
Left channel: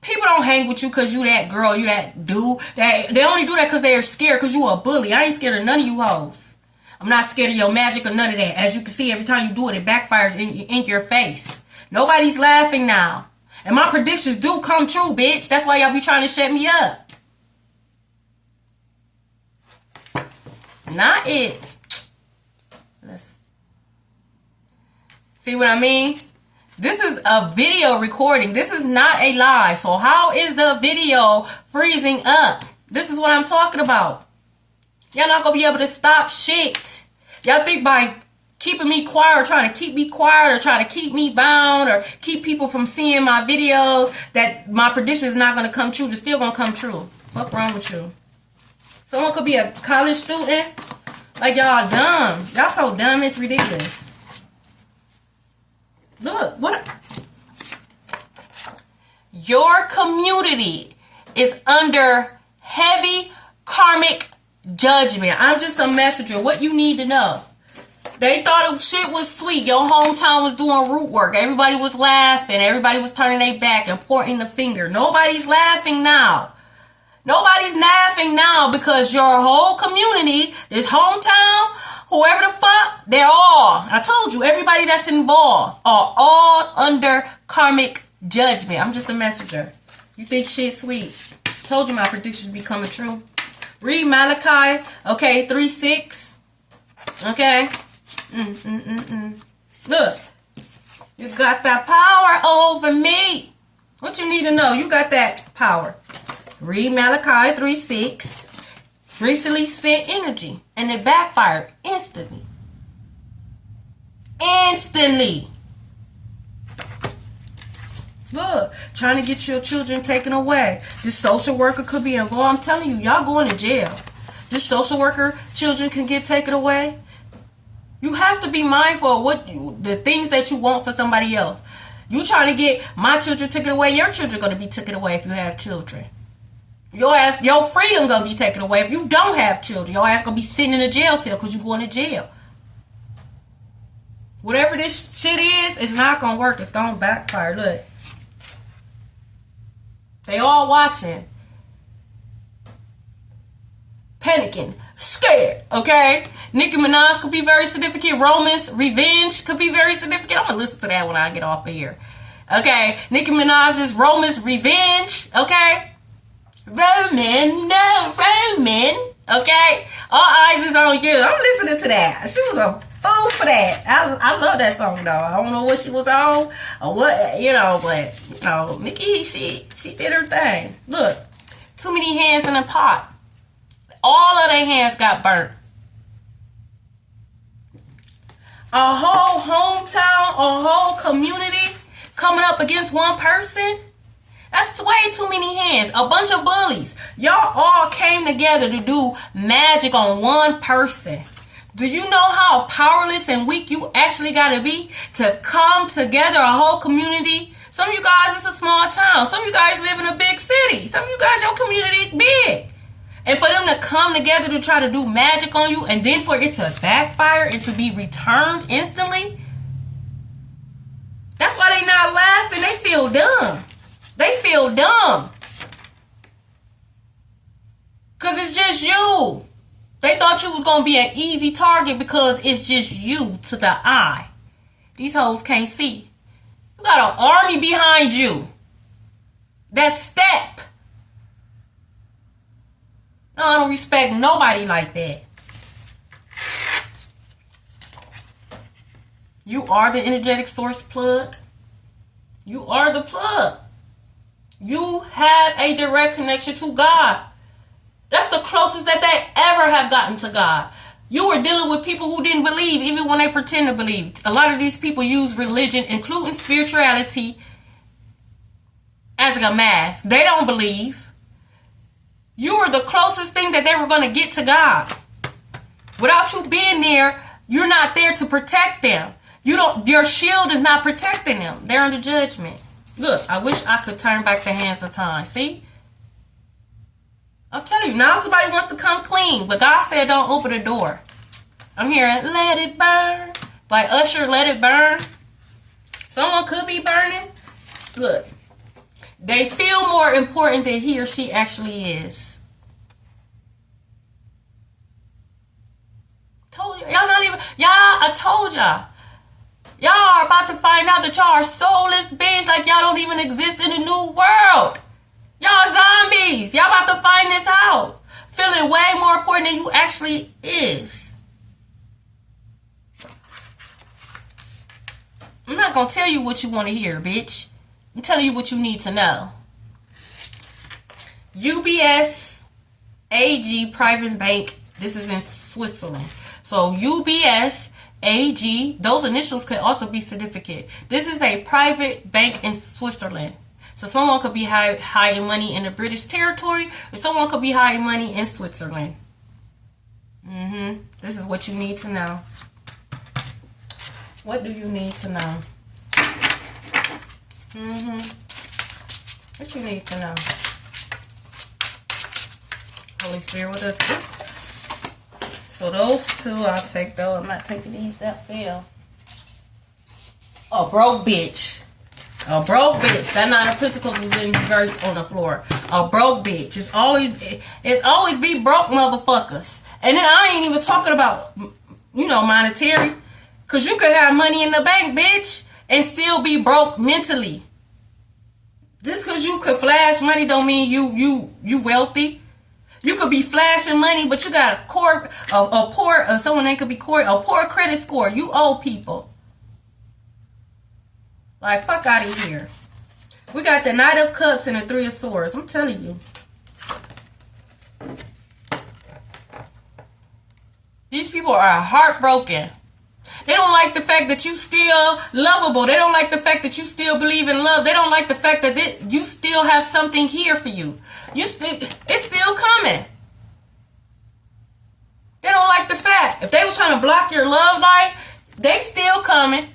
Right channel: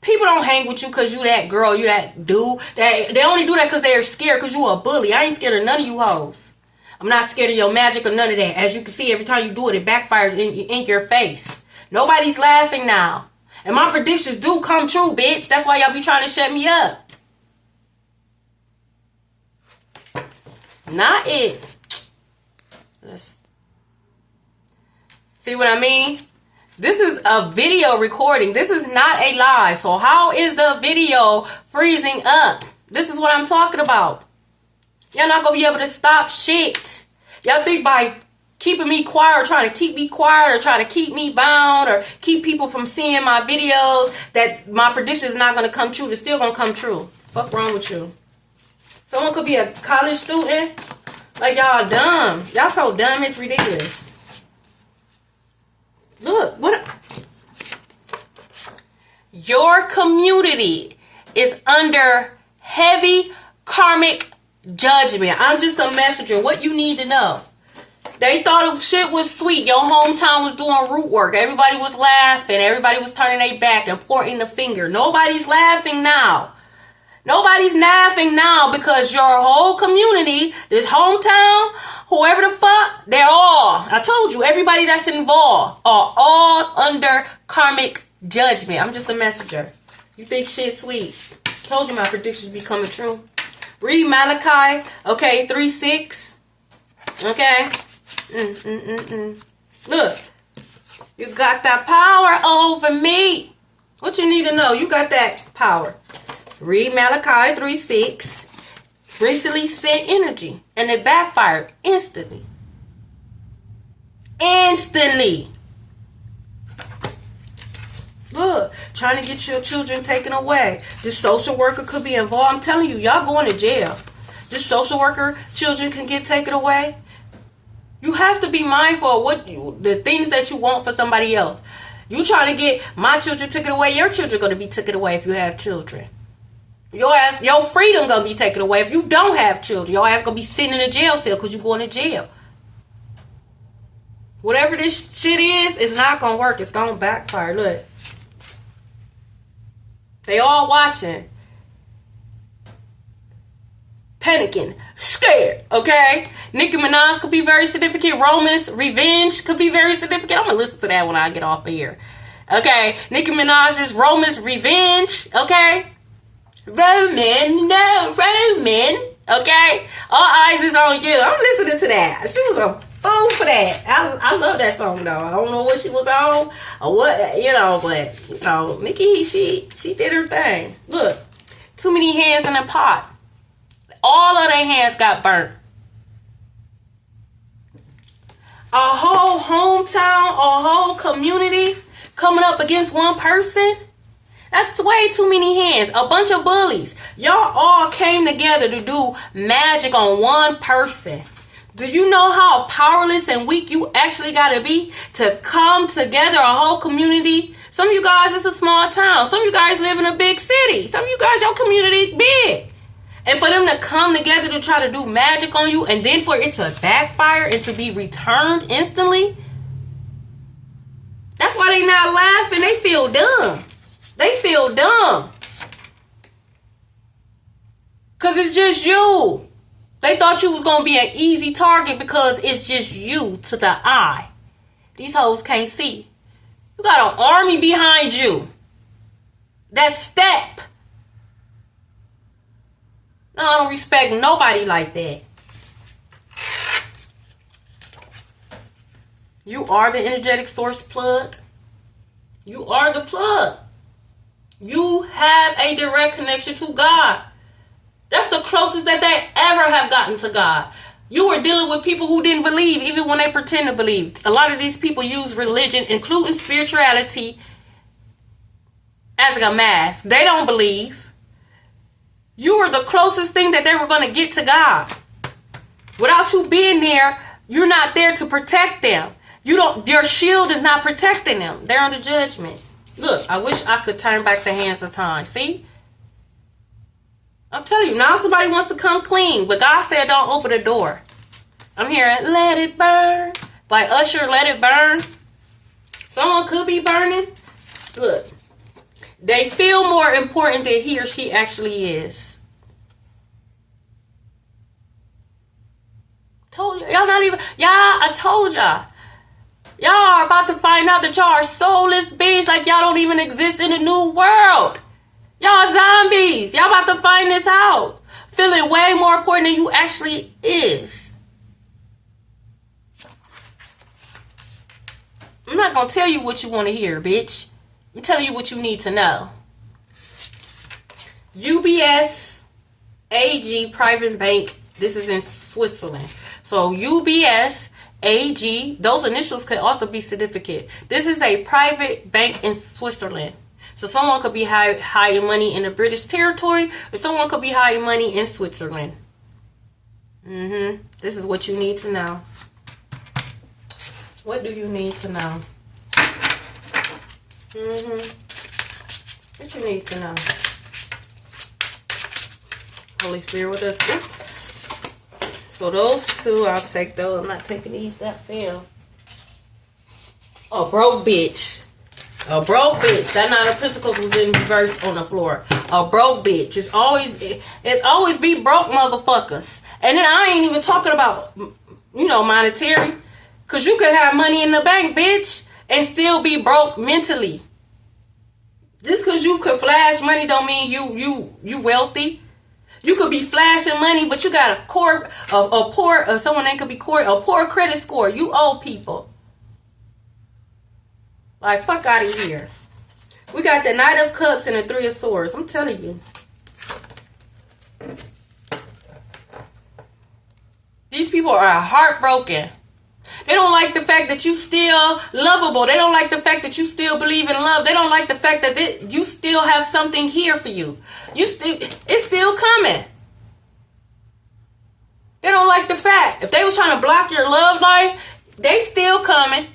People don't hang with you because you that girl, you that dude. They only do that because they're scared because you a bully. I ain't scared of none of you hoes. I'm not scared of your magic or none of that. As you can see, every time you do it, it backfires in your face. Nobody's laughing now. And my predictions do come true, bitch. That's why y'all be trying to shut me up. Not it. Let's see what I mean? This is a video recording. This is not a live. So how is the video freezing up? This is what I'm talking about. Y'all not gonna be able to stop shit. Y'all think by keeping me quiet or trying to keep me quiet or trying to keep me bound or keep people from seeing my videos that my prediction is not gonna come true. It's still gonna come true. Fuck wrong with you? Someone could be a college student. Like y'all dumb. Y'all so dumb, it's ridiculous. Look, what? Your community is under heavy karmic judgment. I'm just a messenger. What you need to know. They thought shit was sweet. Your hometown was doing root work. Everybody was laughing. Everybody was turning their back and pointing the finger. Nobody's laughing now. Nobody's laughing now because your whole community, this hometown, whoever the fuck, they're all, I told you, everybody that's involved are all under karmic judgment. I'm just a messenger. You think shit's sweet. Told you my predictions be coming true. Read Malachi, okay, 3:6. Okay. Look, you got that power over me. What you need to know, you got that power. Read Malachi 3:6. Recently sent energy, and it backfired instantly. Instantly. Look, trying to get your children taken away. This social worker could be involved. I'm telling you, y'all going to jail. This social worker, children can get taken away. You have to be mindful of the things that you want for somebody else. You trying to get my children taken away, your children going to be taken away if you have children. Your freedom going to be taken away if you don't have children. Your ass going to be sitting in a jail cell because you going to jail. Whatever this shit is, it's not going to work. It's going to backfire. Look. They all watching. Panicking. Scared. Okay? Nicki Minaj could be very significant. Roman's revenge could be very significant. I'm going to listen to that when I get off of here. Okay? Nicki Minaj's Roman's revenge. Okay? Roman. Okay? All eyes is on you. I'm listening to that. She was a fool for that. I love that song though. I don't know what she was on or what, but Nicki, she did her thing. Look, too many hands in a pot. All of their hands got burnt. A whole hometown, a whole community coming up against one person. That's way too many hands. A bunch of bullies. Y'all all came together to do magic on one person. Do you know how powerless and weak you actually got to be to come together, a whole community? Some of you guys, it's a small town. Some of you guys live in a big city. Some of you guys, your community big. And for them to come together to try to do magic on you and then for it to backfire and to be returned instantly, that's why they not laughing. They feel dumb. They feel dumb. Because it's just you. They thought you was going to be an easy target because it's just you to the eye. These hoes can't see. You got an army behind you. That's step. No, I don't respect nobody like that. You are the energetic source plug. You are the plug. You have a direct connection to God. That's the closest that they ever have gotten to God. You were dealing with people who didn't believe, even when they pretend to believe. A lot of these people use religion, including spirituality, as a mask. They don't believe. You were the closest thing that they were going to get to God. Without you being there, you're not there to protect them. Your shield is not protecting them. They're under judgment. Look, I wish I could turn back the hands of time. See? I'm telling you, now somebody wants to come clean, but God said don't open the door. I'm hearing, let it burn. Like Usher, let it burn. Someone could be burning. Look, they feel more important than he or she actually is. Told you. Y'all not even, y'all, I told y'all. Y'all are about to find out that y'all are soulless beings, like y'all don't even exist in the new world. Y'all zombies. Y'all about to find this out. Feeling way more important than you actually is. I'm not gonna tell you what you want to hear, bitch. I'm telling you what you need to know. UBS AG Private Bank. This is in Switzerland. So UBS AG, those initials could also be significant. This is a private bank in Switzerland. So someone could be hiding money in the British territory, or someone could be hiding money in Switzerland. This is what you need to know. What do you need to know? What you need to know? Holy Spirit with us. So those two, I'll take those. I'm not taking these. That fell. A broke bitch. A broke bitch. That nine of pentacles was in reverse on the floor. A broke bitch. It's always be broke motherfuckers. And then I ain't even talking about, monetary. Because you could have money in the bank, bitch, and still be broke mentally. Just because you could flash money don't mean you wealthy. You could be flashing money, but you got a poor credit score. You owe people. Like, fuck out of here. We got the Knight of Cups and the Three of Swords. I'm telling you. These people are heartbroken. They don't like the fact that you still lovable. They don't like the fact that you still believe in love. They don't like the fact that you still have something here for you. It's still coming. They don't like the fact. If they was trying to block your love life, they still coming.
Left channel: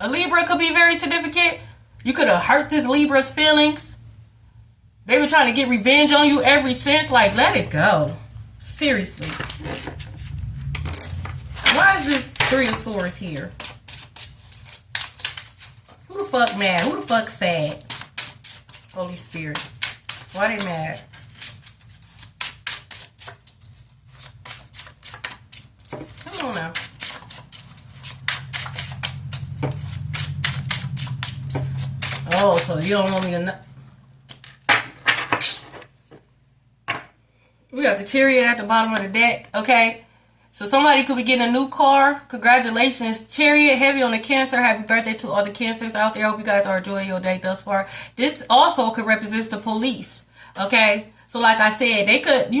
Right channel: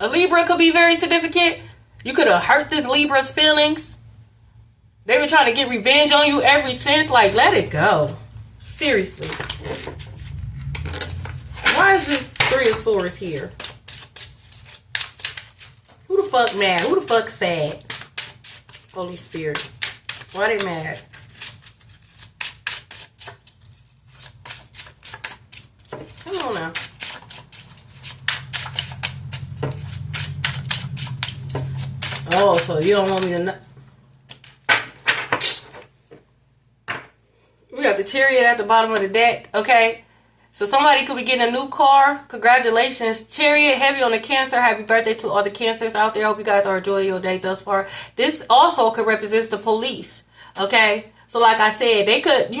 A Libra could be very significant. You could have hurt this Libra's feelings. They were trying to get revenge on you ever since. Like, let it go. Seriously. Why is this Three of Swords here? Who the fuck mad? Who the fuck sad? Holy Spirit. Why they mad? I don't know. Oh, so you don't want me to know. We got the Chariot at the bottom of the deck, okay? So somebody could be getting a new car. Congratulations. Chariot, heavy on the Cancer. Happy birthday to all the Cancers out there. Hope you guys are enjoying your day thus far. This also could represent the police. Okay? So like I said, they could,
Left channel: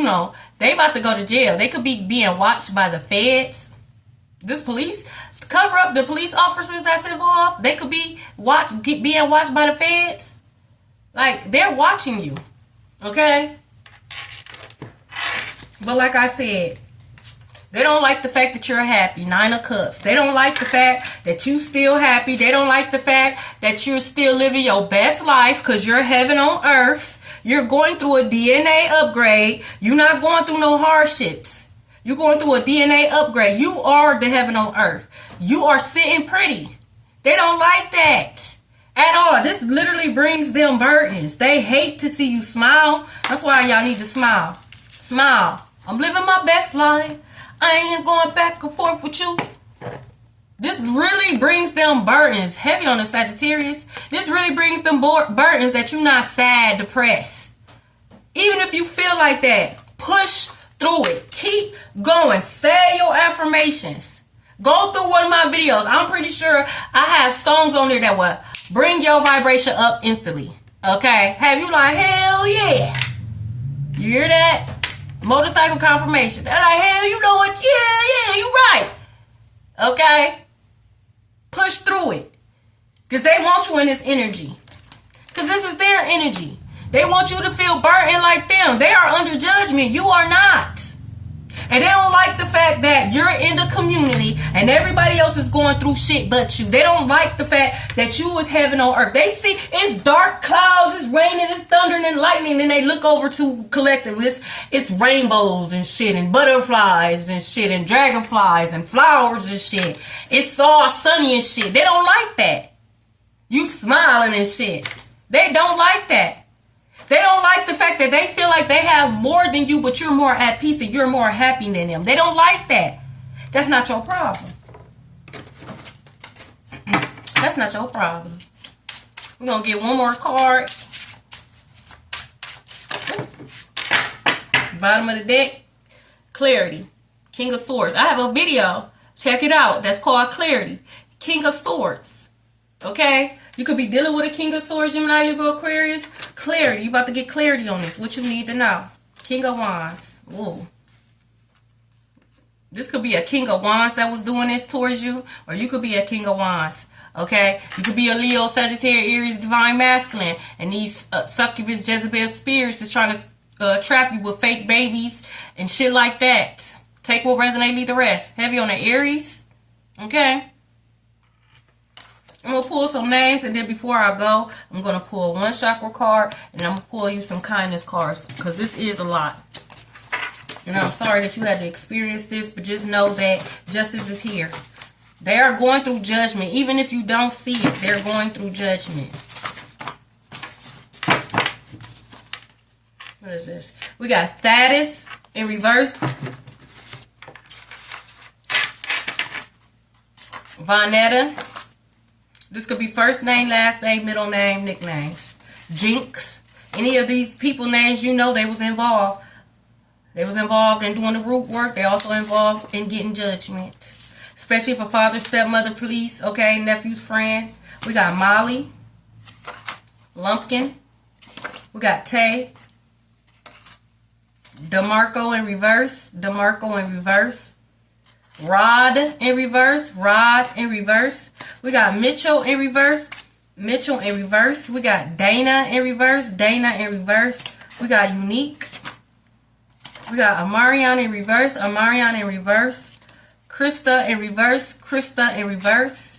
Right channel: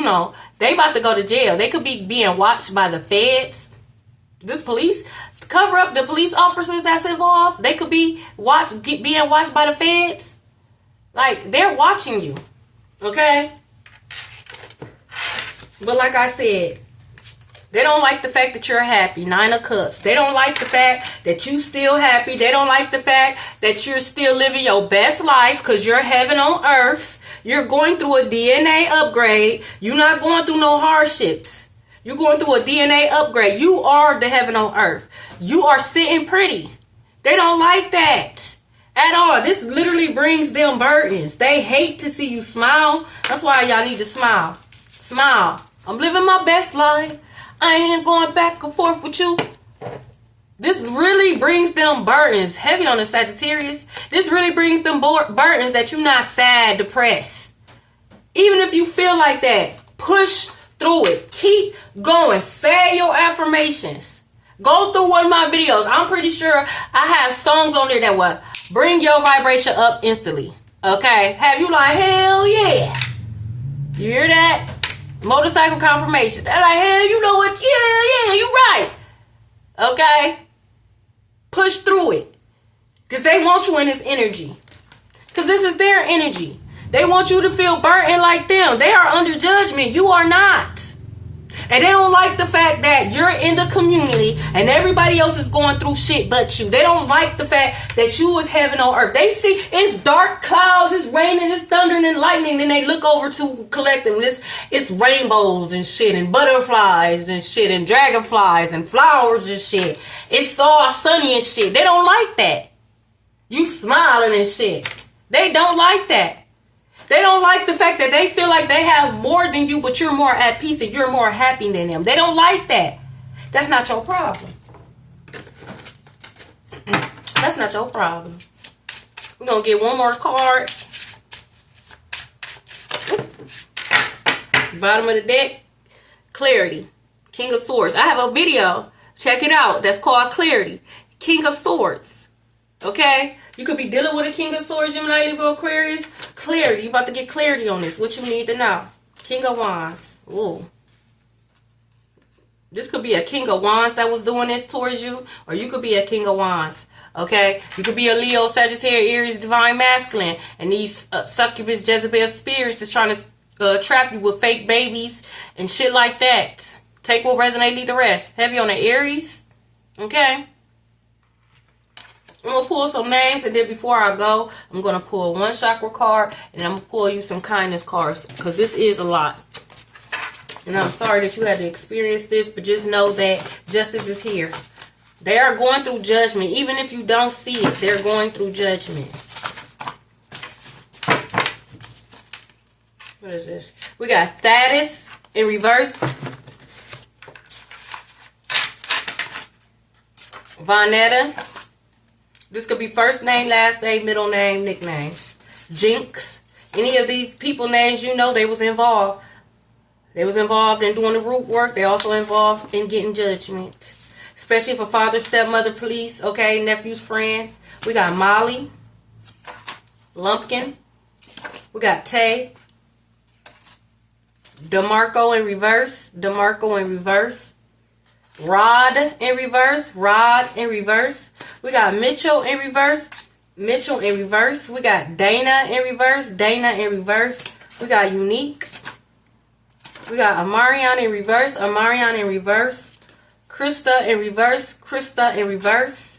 they about to go to jail. They could be being watched by the feds. This police, cover up the police officers that's involved. They could be being watched by the feds. Like, they're watching you. Okay? But like I said, they don't like the fact that you're happy. Nine of Cups. They don't like the fact that you still happy. They don't like the fact that you're still living your best life because you're heaven on earth. You're going through a DNA upgrade. You're not going through no hardships. You're going through a DNA upgrade. You are the heaven on earth. You are sitting pretty. They don't like that at all. This literally brings them burdens. They hate to see you smile. That's why y'all need to smile. Smile. I'm living my best life. I ain't going back and forth with you. This really brings them burdens. Heavy on the Sagittarius. This really brings them burdens that you're not sad, depressed. Even if you feel like that, push through it. Keep going. Say your affirmations. Go through one of my videos. I'm pretty sure I have songs on there that will bring your vibration up instantly. Okay? Have you like, hell yeah. You hear that? Motorcycle confirmation. They're like, hell, you know what? Yeah, you right. Okay? Push through it. Because they want you in this energy. Because this is their energy. They want you to feel burdened like them. They are under judgment. You are not. And they don't like the fact that you're in the community and everybody else is going through shit but you. They don't like the fact that you is heaven on earth. They see it's dark clouds, it's raining, it's thundering and lightning. Then they look over to collective. It's rainbows and shit and butterflies and shit and dragonflies and flowers and shit. It's all sunny and shit. They don't like that. You smiling and shit. They don't like that. They don't like the fact that they feel like they have more than you, but you're more at peace and you're more happy than them. They don't like that. That's not your problem. That's not your problem. We're going to get one more card. Bottom of the deck. Clarity. King of Swords. I have a video. Check it out. That's called Clarity. King of Swords. Okay? You could be dealing with a King of Swords, Gemini, Libra, Aquarius. Clarity. You about to get clarity on this. What you need to know. King of Wands. Ooh. This could be a King of Wands that was doing this towards you. Or you could be a King of Wands. Okay? You could be a Leo, Sagittarius, Aries, Divine Masculine. And these succubus, Jezebel spirits is trying to trap you with fake babies and shit like that. Take what resonate, leave the rest. Heavy on the Aries. Okay? I'm going to pull some names, and then before I go, I'm going to pull one chakra card, and I'm going to pull you some kindness cards, because this is a lot. And I'm sorry that you had to experience this, but just know that justice is here. They are going through judgment. Even if you don't see it, they're going through judgment. What is this? We got Thaddeus in reverse. Vonetta. This could be first name, last name, middle name, nicknames. Jinx. Any of these people names, you know they was involved. They was involved in doing the root work. They also involved in getting judgment. Especially for father, stepmother, police, okay, nephew's friend. We got Molly. Lumpkin. We got Tay. DeMarco in reverse. DeMarco in reverse. Rod in reverse. Rod in reverse. We got Mitchell in reverse. Mitchell in reverse. We got Dana in reverse. Dana in reverse. We got Unique. We got Amarion in reverse. Amarion in reverse. Krista in reverse. Krista in reverse.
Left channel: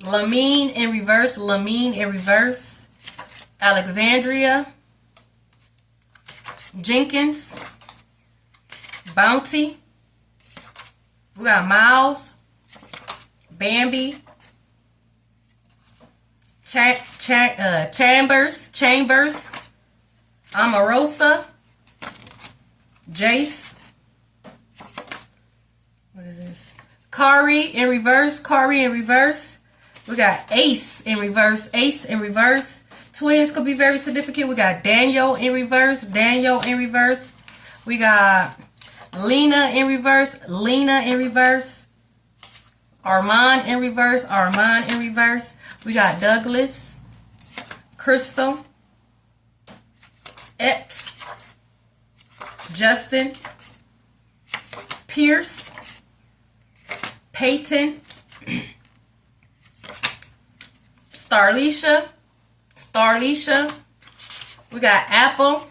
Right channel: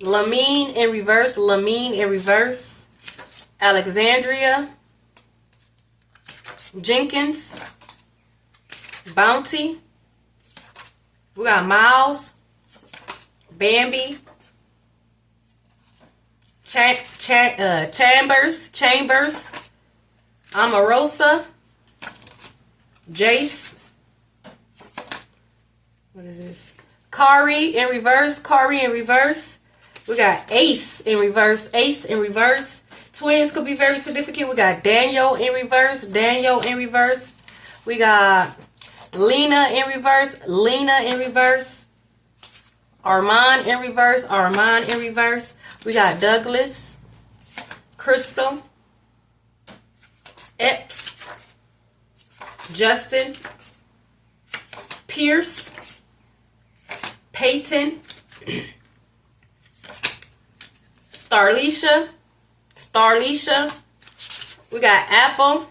Lamine in reverse. Lamine in reverse. Alexandria. Jenkins. Bounty. We got Miles. Bambi. Chambers. Amarosa. Jace. What is this? Kari in reverse. Kari in reverse. We got Ace in reverse. Ace in reverse. Twins could be very significant. We got Daniel in reverse. Daniel in reverse. We got Lena in reverse. Lena in reverse. Armand in reverse. Armand in reverse. We got Douglas. Crystal. Epps. Justin. Pierce. Peyton. Starlisha. Starlisha. We got Apple.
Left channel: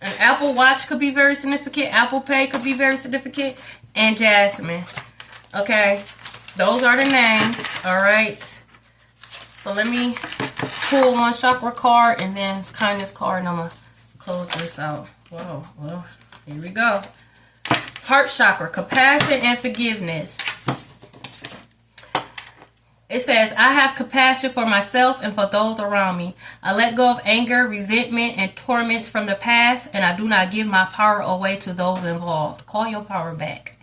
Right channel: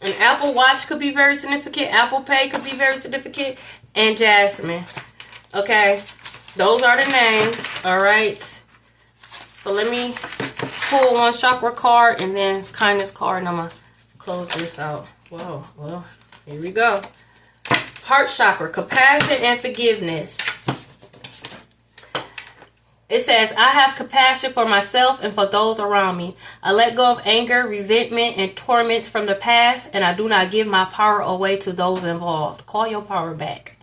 An Apple Watch could be very significant. Apple Pay could be very significant. And Jasmine. Okay. Those are the names. Alright. So let me pull one chakra card and then kindness card. And I'm going to close this out. Whoa. Well, here we go. Heart chakra. Compassion and forgiveness. It says, I have compassion for myself and for those around me. I let go of anger, resentment, and torments from the past, and I do not give my power away to those involved. Call your power back.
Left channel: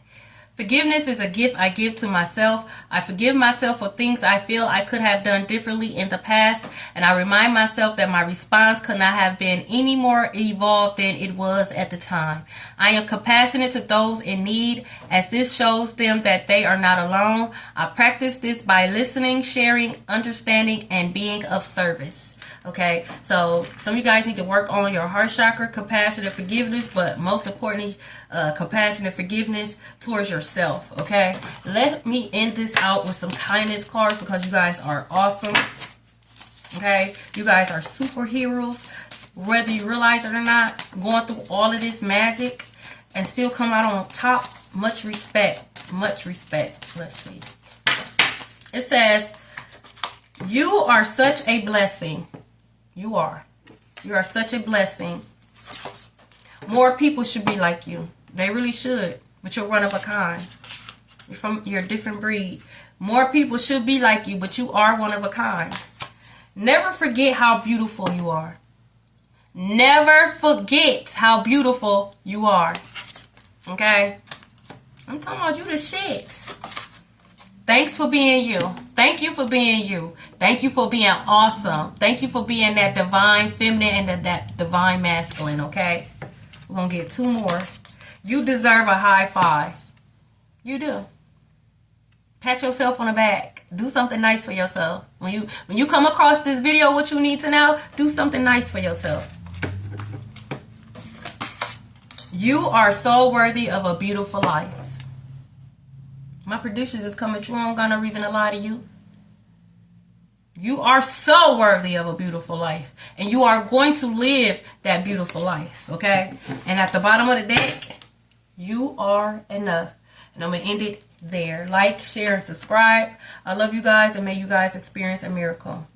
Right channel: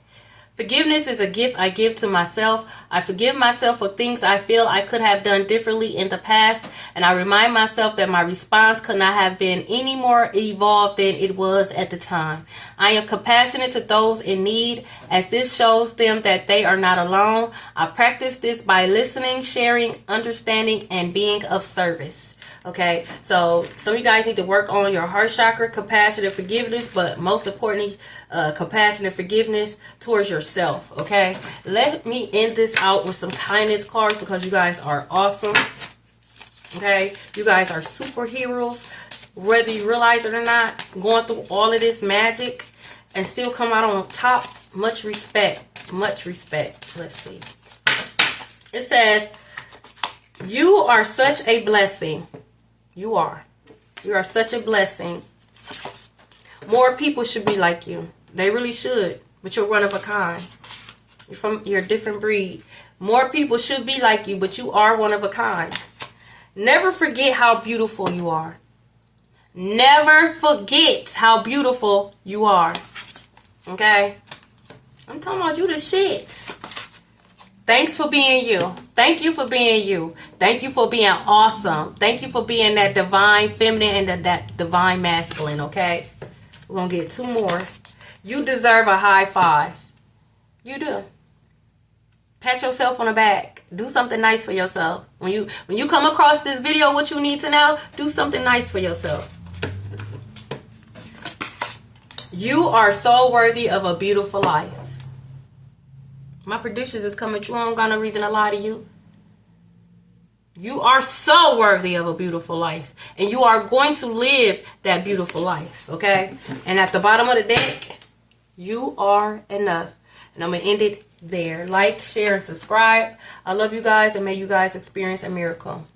Forgiveness is a gift I give to myself. I forgive myself for things I feel I could have done differently in the past, and I remind myself that my response could not have been any more evolved than it was at the time. I am compassionate to those in need, as this shows them that they are not alone. I practice this by listening, sharing, understanding, and being of service. Okay, so some of you guys need to work on your heart chakra, compassion, and forgiveness, but most importantly, compassion and forgiveness towards yourself. Okay, let me end this out with some kindness cards because you guys are awesome. Okay, you guys are superheroes, whether you realize it or not, going through all of this magic and still come out on top. Much respect. Much respect. Let's see. It says, you are such a blessing. You are. You are such a blessing. More people should be like you. They really should. But you're one of a kind. You're a different breed. More people should be like you, but you are one of a kind. Never forget how beautiful you are. Never forget how beautiful you are. Okay? I'm talking about you the shit. Thanks for being you. Thank you for being you. Thank you for being awesome. Thank you for being that divine feminine and that divine masculine, okay? We're going to get 2 more. You deserve a high five. You do. Pat yourself on the back. Do something nice for yourself. When you come across this video, what you need to know, do something nice for yourself. You are so worthy of a beautiful life. My producers is coming through. I don't got no reason to lie to you. You are so worthy of a beautiful life. And you are going to live that beautiful life. Okay? And at the bottom of the deck, you are enough. And I'm going to end it there. Like, share, and subscribe. I love you guys, and may you guys experience a miracle.